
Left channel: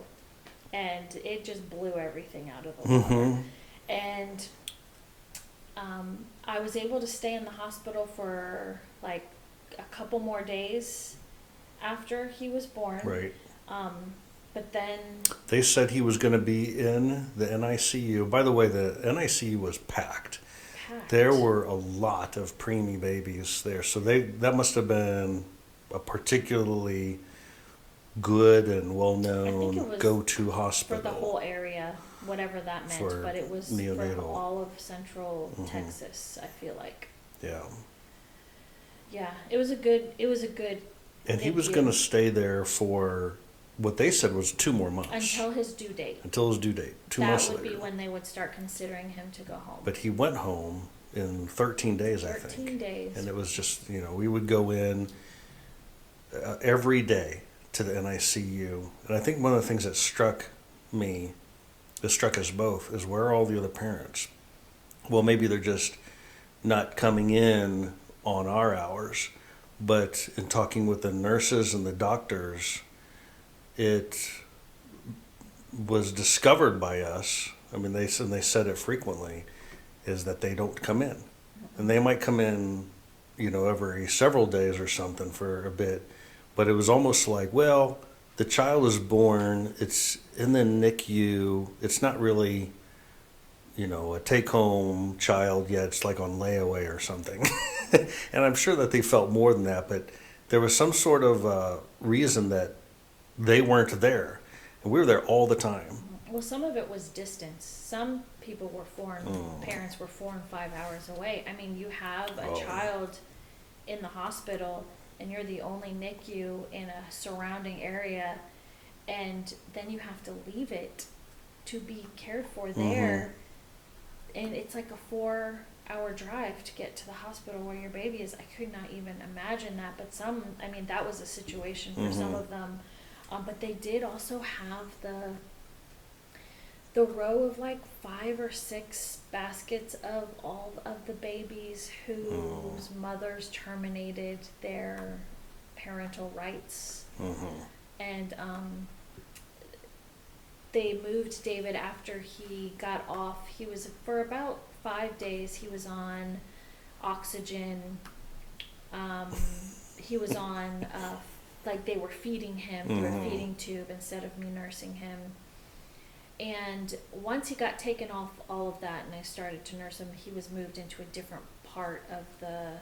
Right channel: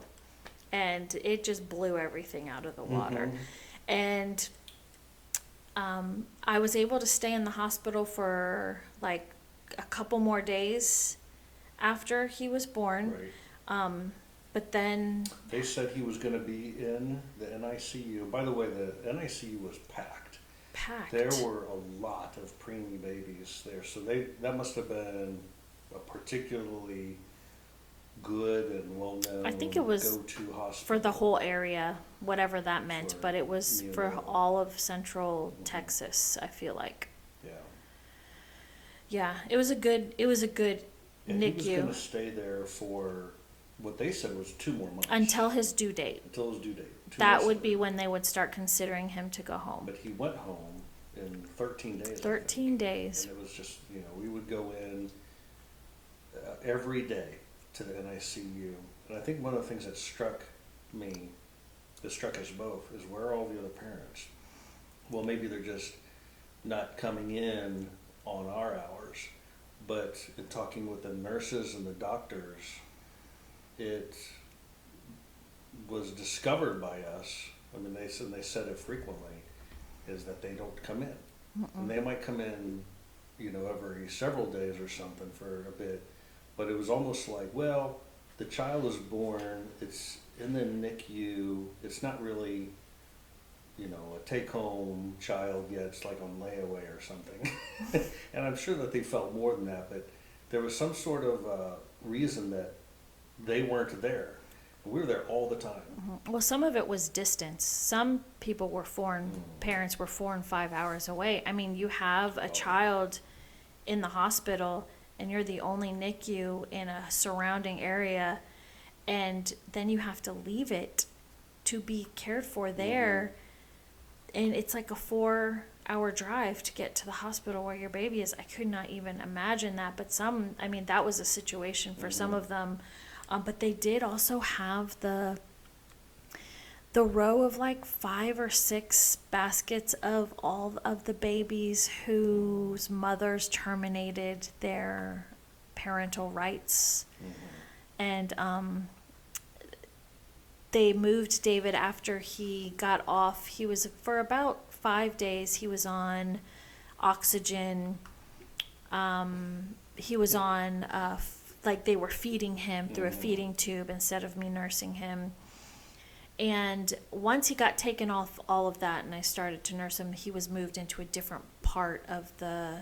and it just blew everything out of the water. And I was able to stay in the hospital for like a couple more days after he was born. Right. But then They said he was going to be in the NICU. By the way, the NICU was packed. There were a lot of preemie babies there, so that must have been a particularly good and I well-known think it was go-to hospital for the whole area, whatever that meant, for but it was for neonatal. all of central Texas, I feel like. Yeah. Yeah, it was a good And he was NICU going to stay there for what they said was 2 more months. until his due date. Until his due date. 2 That months would be later. when they would start considering him to go home. But he went home in 13 days, I think. 13 days. And it was just, we would go in every day to the NICU. And I think one of the things that struck us both, is where are all the other parents? Well, maybe they're just not coming in on our hours. But in talking with the nurses and the doctors, it was discovered by us. I mean, they said it frequently, is that they don't come in. And they might come in, every several days or something for a bit. But it was almost like, well, the child is born, it's in the NICU, it's not really, a take-home child yet, it's like on layaway or something. And I'm sure that they felt more than that, but there was some sort of reason that they weren't there. And we were there all the time. Well, some of it was distance. Some people were parents were 4 and 5 hours away. I mean, you have a child in the hospital, and you're the only NICU in a surrounding area, and then you have to leave it to be cared for there. And it's like a 4-hour drive to get to the hospital where your baby is. I could not even imagine that. But that was a situation for some of them. But they did also have the row of like 5 or 6 baskets of all of the babies whose mothers terminated their parental rights. And they moved David after he got off. He was, for about 5 days, he was on oxygen. He was on, like they were feeding him through a feeding tube instead of me nursing him. And once he got taken off all of that and I started to nurse him, he was moved into a different part of the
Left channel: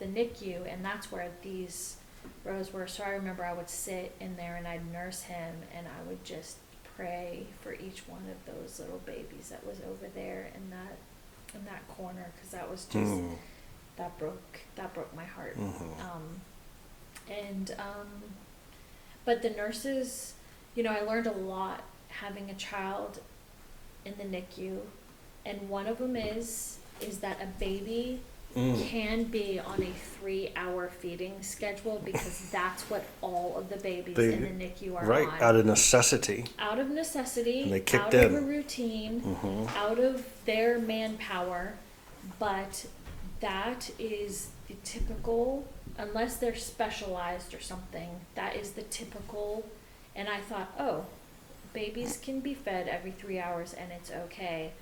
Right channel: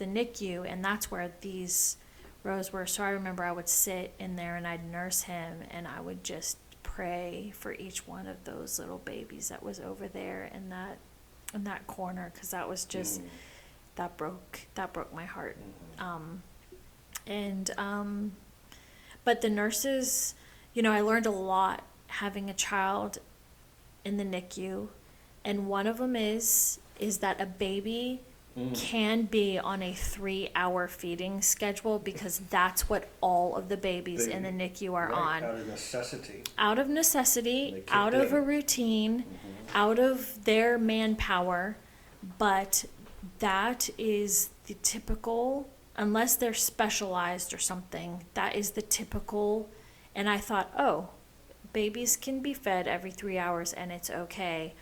NICU, and that's where these rows were. So I remember I would sit in there and I'd nurse him, and I would just pray for each one of those little babies that was over there in that corner, because that was just that broke my heart. But the nurses, I learned a lot having a child in the NICU, and one of them is that a baby can be on a 3-hour feeding schedule, because that's what all of the babies in the NICU are on. Right, out of necessity. Out of necessity, out in. of a routine, out of their manpower, but that is the typical, unless they're specialized or something, that is the typical. And I thought, oh, babies can be fed every 3 hours and it's okay.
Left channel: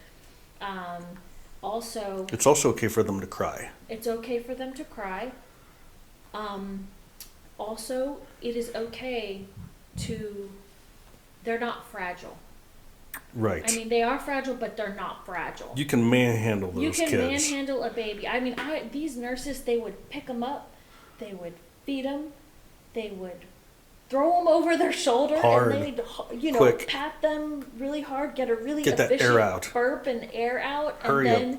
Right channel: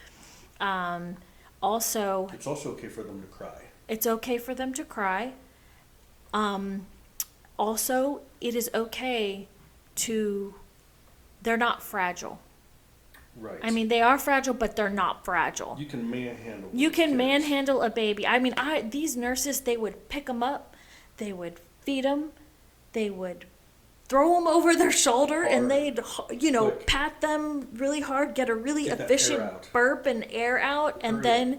Also, It's also okay for them to cry. it's okay for them to cry. Also, it is okay to, they're not fragile. Right. I mean, they are fragile, but they're not fragile. You can manhandle those You can kids. manhandle a baby. I mean, these nurses, they would pick them up, they would feed them, they would throw them over their shoulder, Hard, and they'd, quick. pat them really hard, get a really Get that air efficient out. burp and air out, and Hurry then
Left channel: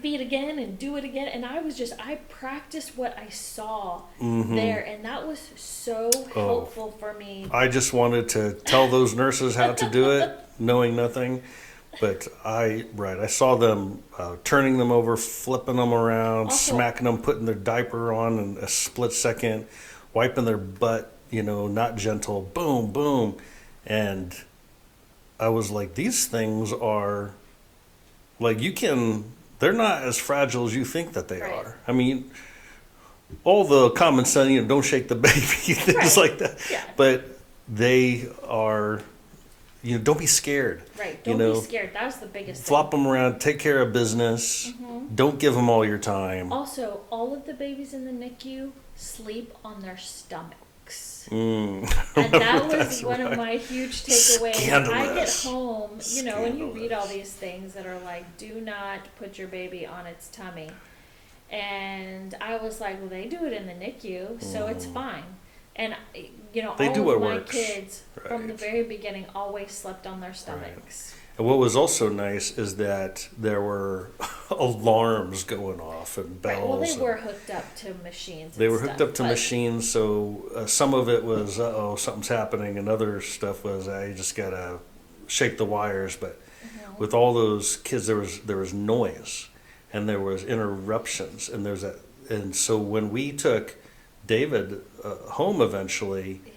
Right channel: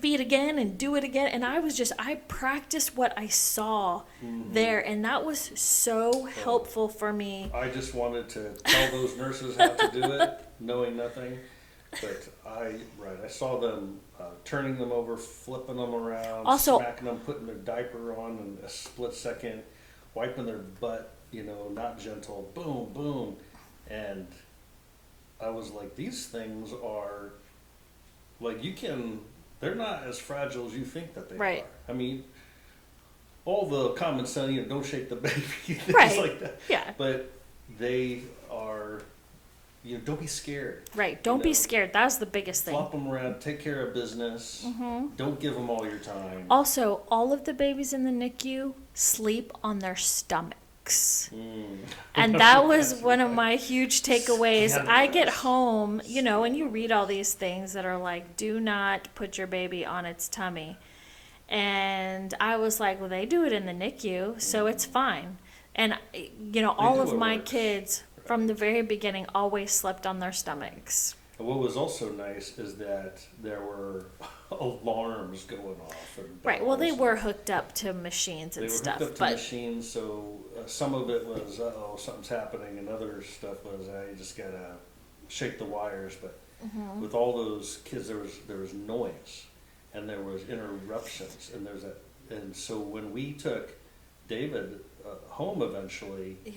feed again and do it again. And I practiced what I saw there, and that was so helpful for me. I just wanted to tell those nurses how to do it, knowing nothing. But I saw them turning them over, flipping them around, Also- smacking them, putting their diaper on in a split second, wiping their butt, not gentle, boom, boom. And I was like, these things are, like, they're not as fragile as you think that they Right. are. I mean, all the common sense, don't shake the baby, things Right. like that. Yeah. But they are, don't be scared. Right, don't be scared. That was the biggest thing. Flop them around, take care of business. Don't give them all your time. Also, all of the babies in the NICU sleep on their stomachs. And that was one of my huge takeaways. I get Scandalous. home, and you read all these things that are like, do not put your baby on its tummy. And I was like, well, they do it in the NICU, so it's fine. And, all do of what my works. kids from the Right. very beginning always slept on their stomachs. And what was also nice is that there were alarms going off and bells. Right, well, they and were hooked up to machines and They were stuff. hooked up to but- machines, so some of it was, something's happening, and other stuff was, I just gotta shake the wires. But with all those kids, there was noise, and there was interruptions, and so when we took David home eventually, Yeah,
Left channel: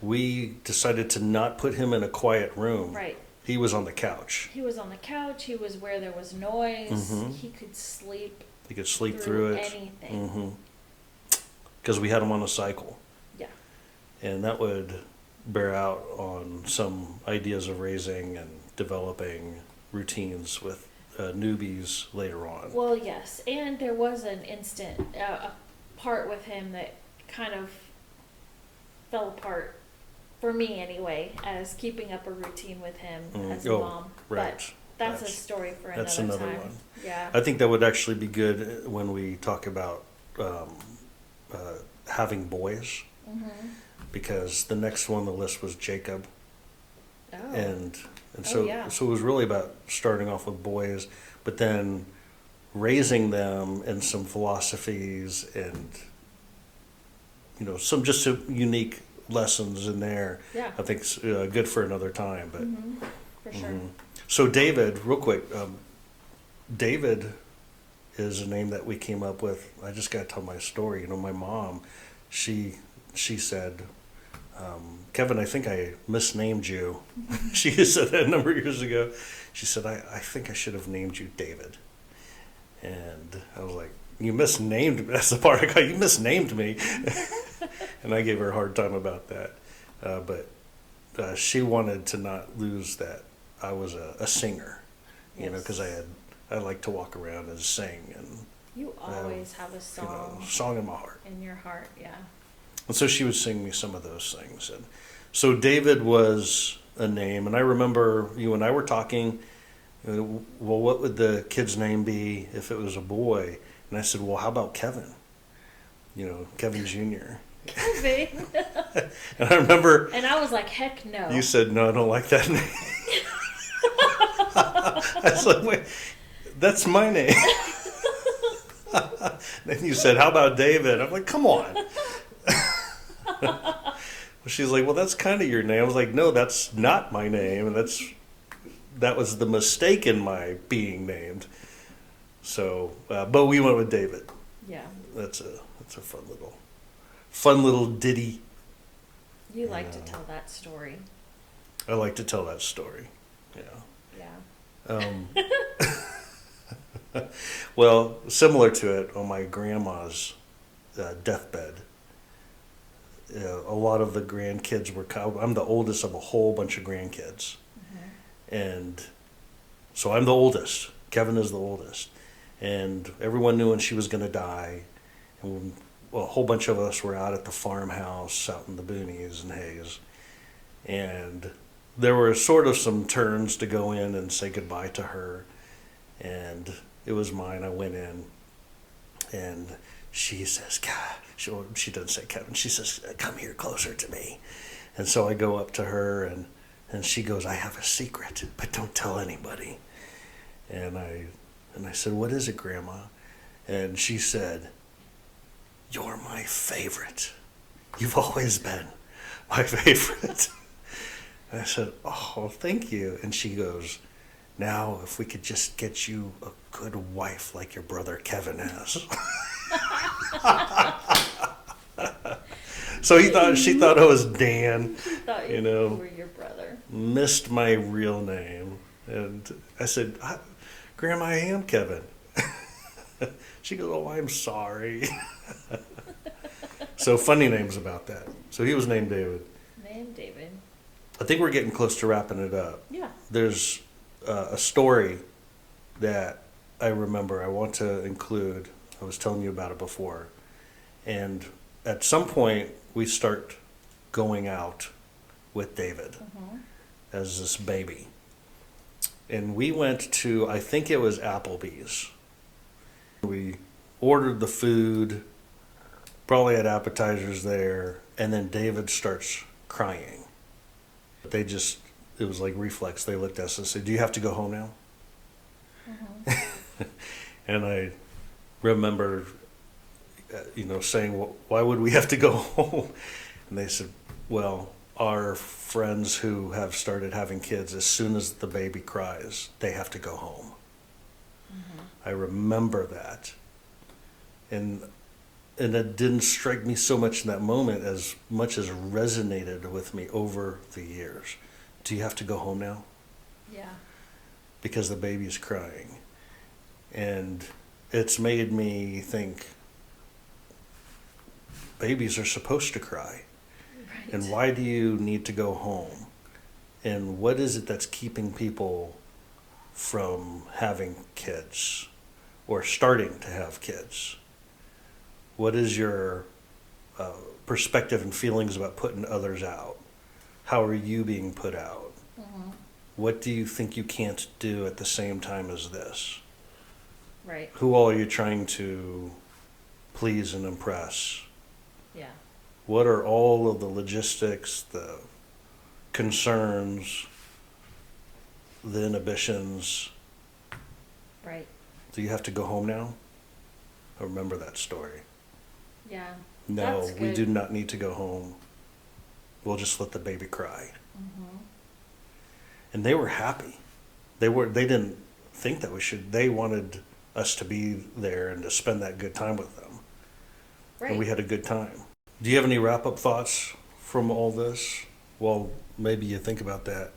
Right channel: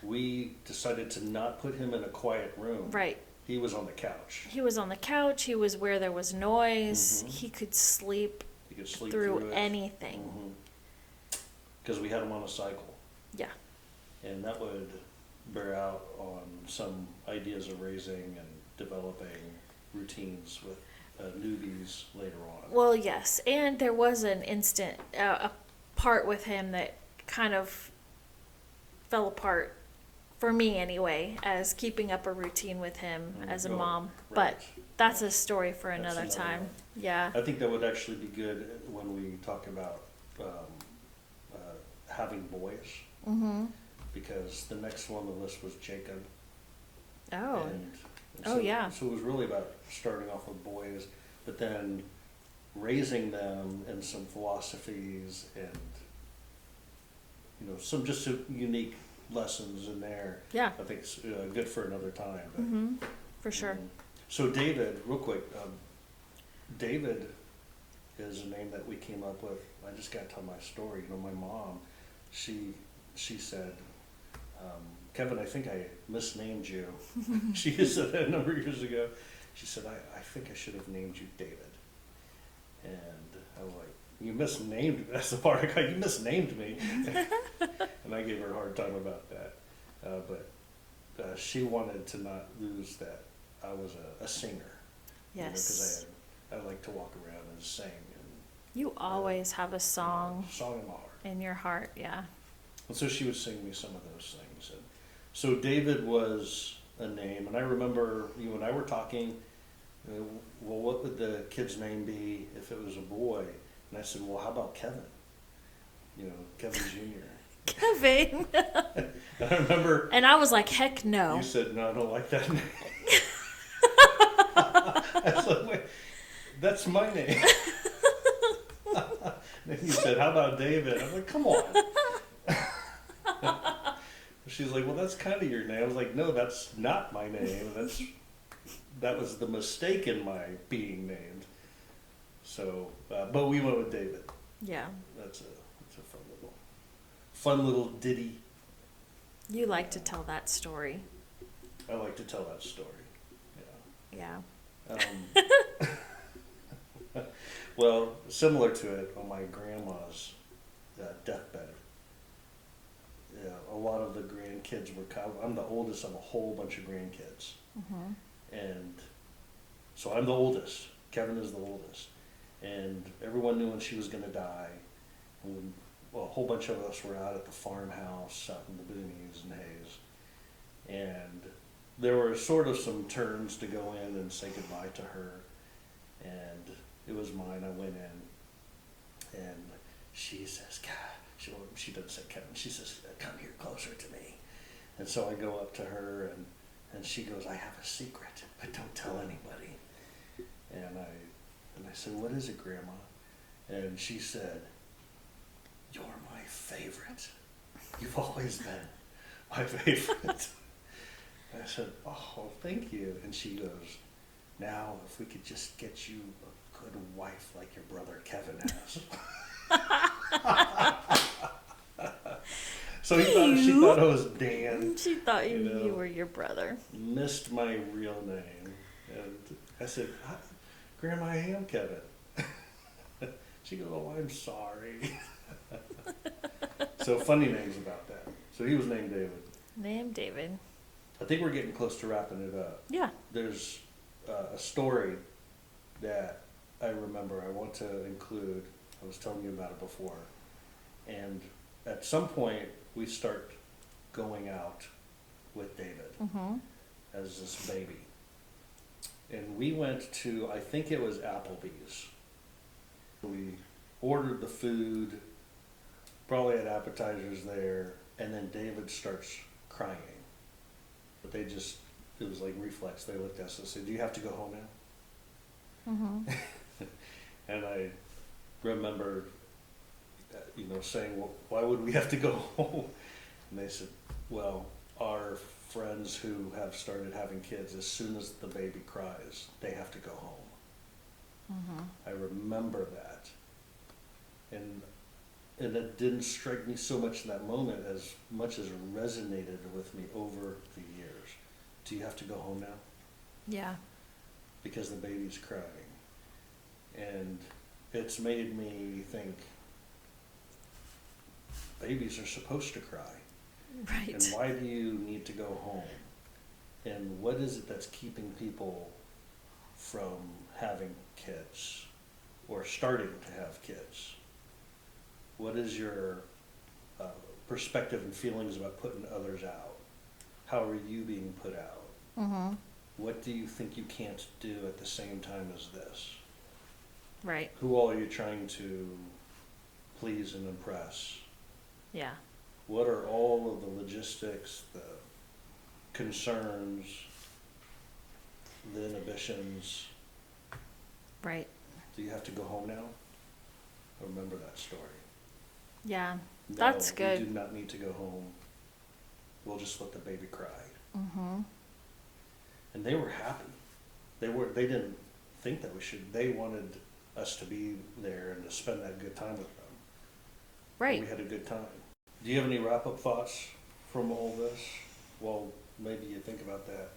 we decided to not put him in a quiet room. right. He was on the couch. He was on the couch. He was where there was noise. He could sleep He could sleep through through it. anything. Because we had him on a cycle. Yeah. And that would bear out on some ideas of raising and developing routines with newbies later on. Well, yes, and there was an instant, a part with him that kind of fell apart for me anyway, as keeping up a routine with him as a mom. Right. But that's a story for That's another another time. one. Yeah. I think that would actually be good when we talk about having boys, because the next one on the list was Jacob, Oh. and Oh, so yeah. so it was really about starting off with boys, but then raising them in some philosophies and some just unique lessons in there. Yeah. I think it's good for another time. But For sure. So David, real quick, David is a name that we came up with. I just got to tell my story. My mom, she said, Kevin, I think I misnamed you. She said that a number of years ago. She said, I think I should have named you David. And I was like, you misnamed me. That's the part I got. You misnamed me. And I gave her a hard time about that. But she wanted to not lose that I was a singer, because I like to walk around and sing, and You always have a song song in my heart. in your heart, yeah. And so she would sing me some of those things. And so David was a name, and I remember you and I were talking, well, what would the kid's name be if it was a boy? And I said, well, how about Kevin? Kevin Jr. Kevin. And I remember And I was like, heck no. you said, no, I don't like that name. I was like, wait, that's my name. Then you said, how about David? I'm like, come on. She's like, well, that's kind of your name. I was like, no, that's not my name. And that was the mistake in my being named. So, but we went with David. Yeah. That's a fun little ditty. You like to tell that story. I like to tell that story. Yeah. Yeah. Well, similar to it, on my grandma's deathbed, a lot of the grandkids were. I'm the oldest of a whole bunch of grandkids, and so I'm the oldest. Kevin is the oldest, and everyone knew when she was going to die. And well, a whole bunch of us were out at the farmhouse out in the boonies and Hayes, and there were sort of some turns to go in and say goodbye to her, and it was mine. I went in, and she says, God, she doesn't say Kevin. She says, come here closer to me. And so I go up to her, and she goes, I have a secret, but don't tell anybody. And I said, what is it, Grandma? And she said, you're my favorite. You've always been my favorite. And I said, oh, thank you. And she goes, now if we could just get you a good wife like your brother Kevin has. So she thought I was Dan. She thought you were your brother. Missed my real name. And I said, Grandma, I am Kevin. She goes, oh, I'm sorry. So funny names about that. So he was named David. Named David. I think we're getting close to wrapping it up. Yeah. There's a story that I remember I want to include. I was telling you about it before. And at some point, we start going out with David as this baby. And we went to, I think it was Applebee's. We ordered the food, probably had appetizers there, and then David starts crying. It was like reflex. They looked at us and said, do you have to go home now? And I remember, saying, well, why would we have to go home? And they said, well, our friends who have started having kids, as soon as the baby cries, they have to go home. I remember that. And it didn't strike me so much in that moment as much as resonated with me over the years. Do you have to go home now? Yeah. Because the baby's crying. And it's made me think babies are supposed to cry. Right. And why do you need to go home? And what is it that's keeping people from having kids or starting to have kids? What is your perspective and feelings about putting others out? How are you being put out? What do you think you can't do at the same time as this? Right. Who all are you trying to please and impress? Yeah. What are all of the logistics, the concerns, the inhibitions? Right. Do you have to go home now? I remember that story. Yeah. No, That's good. we do not need to go home. We'll just let the baby cry. And they were happy. They didn't think that we should. They wanted us to be there and to spend that good time with them. Right. And we had a good time. Do you have any wrap-up thoughts from all this? Well, maybe you think about that.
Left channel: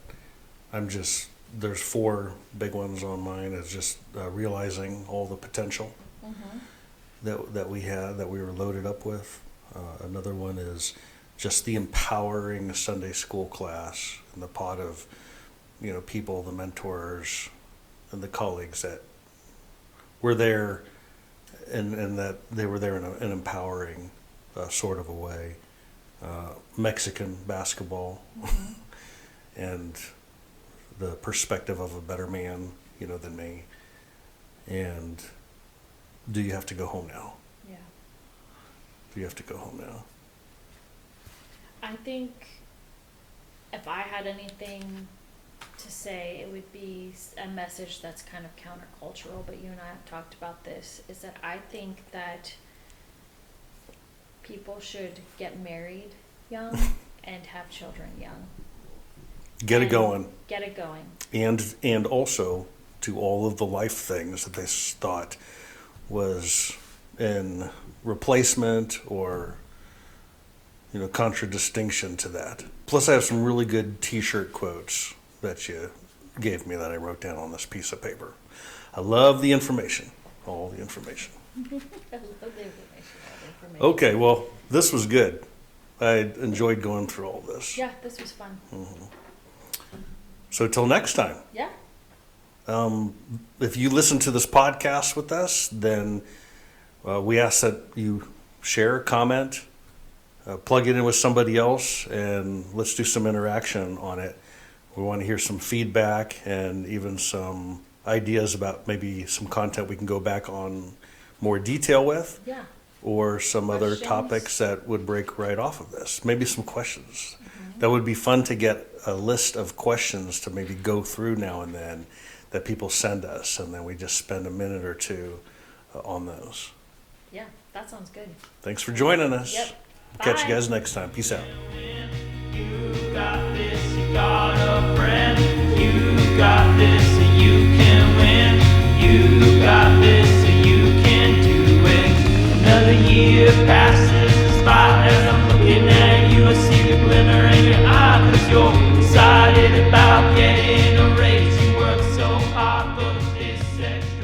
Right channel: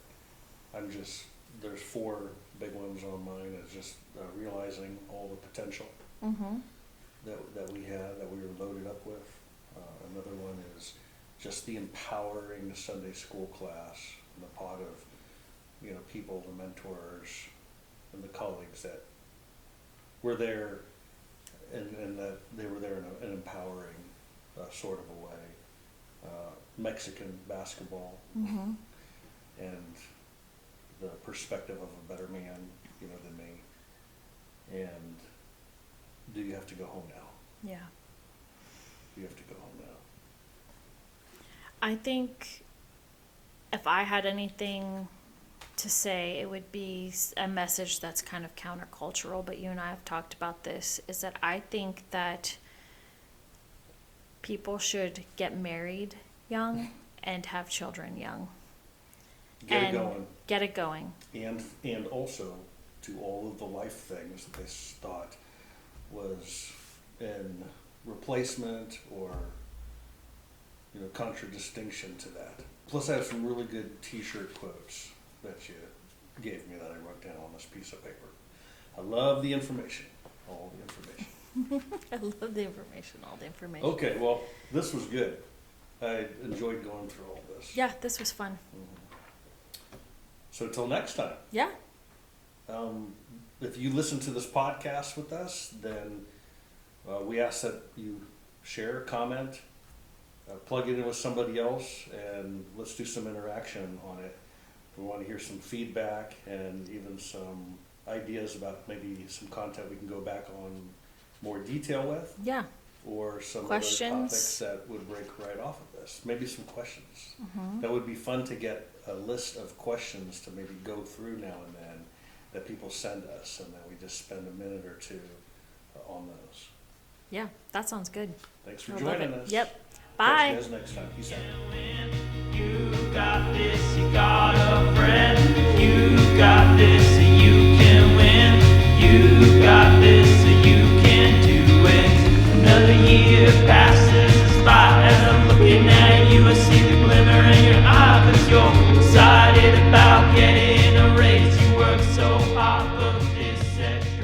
There's 4 big ones on mine. It's just realizing all the potential that we had, that we were loaded up with. Another one is just the empowering Sunday school class and the pot of, people, the mentors, and the colleagues that were there, and that they were there in an empowering sort of a way. Mexican basketball, and the perspective of a better man, than me. And do you have to go home now? Yeah. Do you have to go home now? I think if I had anything to say, it would be a message that's kind of countercultural, but you and I have talked about this, is that I think that people should get married young and have children young. Get it going. Get it going. And also to all of the life things that they thought was in replacement or contradistinction to that. Plus I have some really good t-shirt quotes that you gave me that I wrote down on this piece of paper. I love the information. all the information. I love the information, all the information. Okay, well, this was good. I enjoyed going through all this. Yeah, this was fun. So till next time. Yeah. If you listen to this podcast with us, then we ask that you share, comment, plug it in with somebody else, and let's do some interaction on it. We want to hear some feedback and even some ideas about maybe some content we can go back on more detail with, Yeah. or some Questions. other topics that would break right off of this. Maybe some questions. That would be fun to get a list of questions to maybe go through now and then that people send us, and then we just spend a minute or two on those. Yeah, that sounds good. Thanks for joining us. Yep. Catch Bye. you guys next time. Peace out. You got this, you got a friend. You got this, so you can win. You got this, so you can do it. Another year passes us by as I'm looking at you. I see the glimmer in your eye, 'cause you're excited about getting a raise. You work so hard for this extra.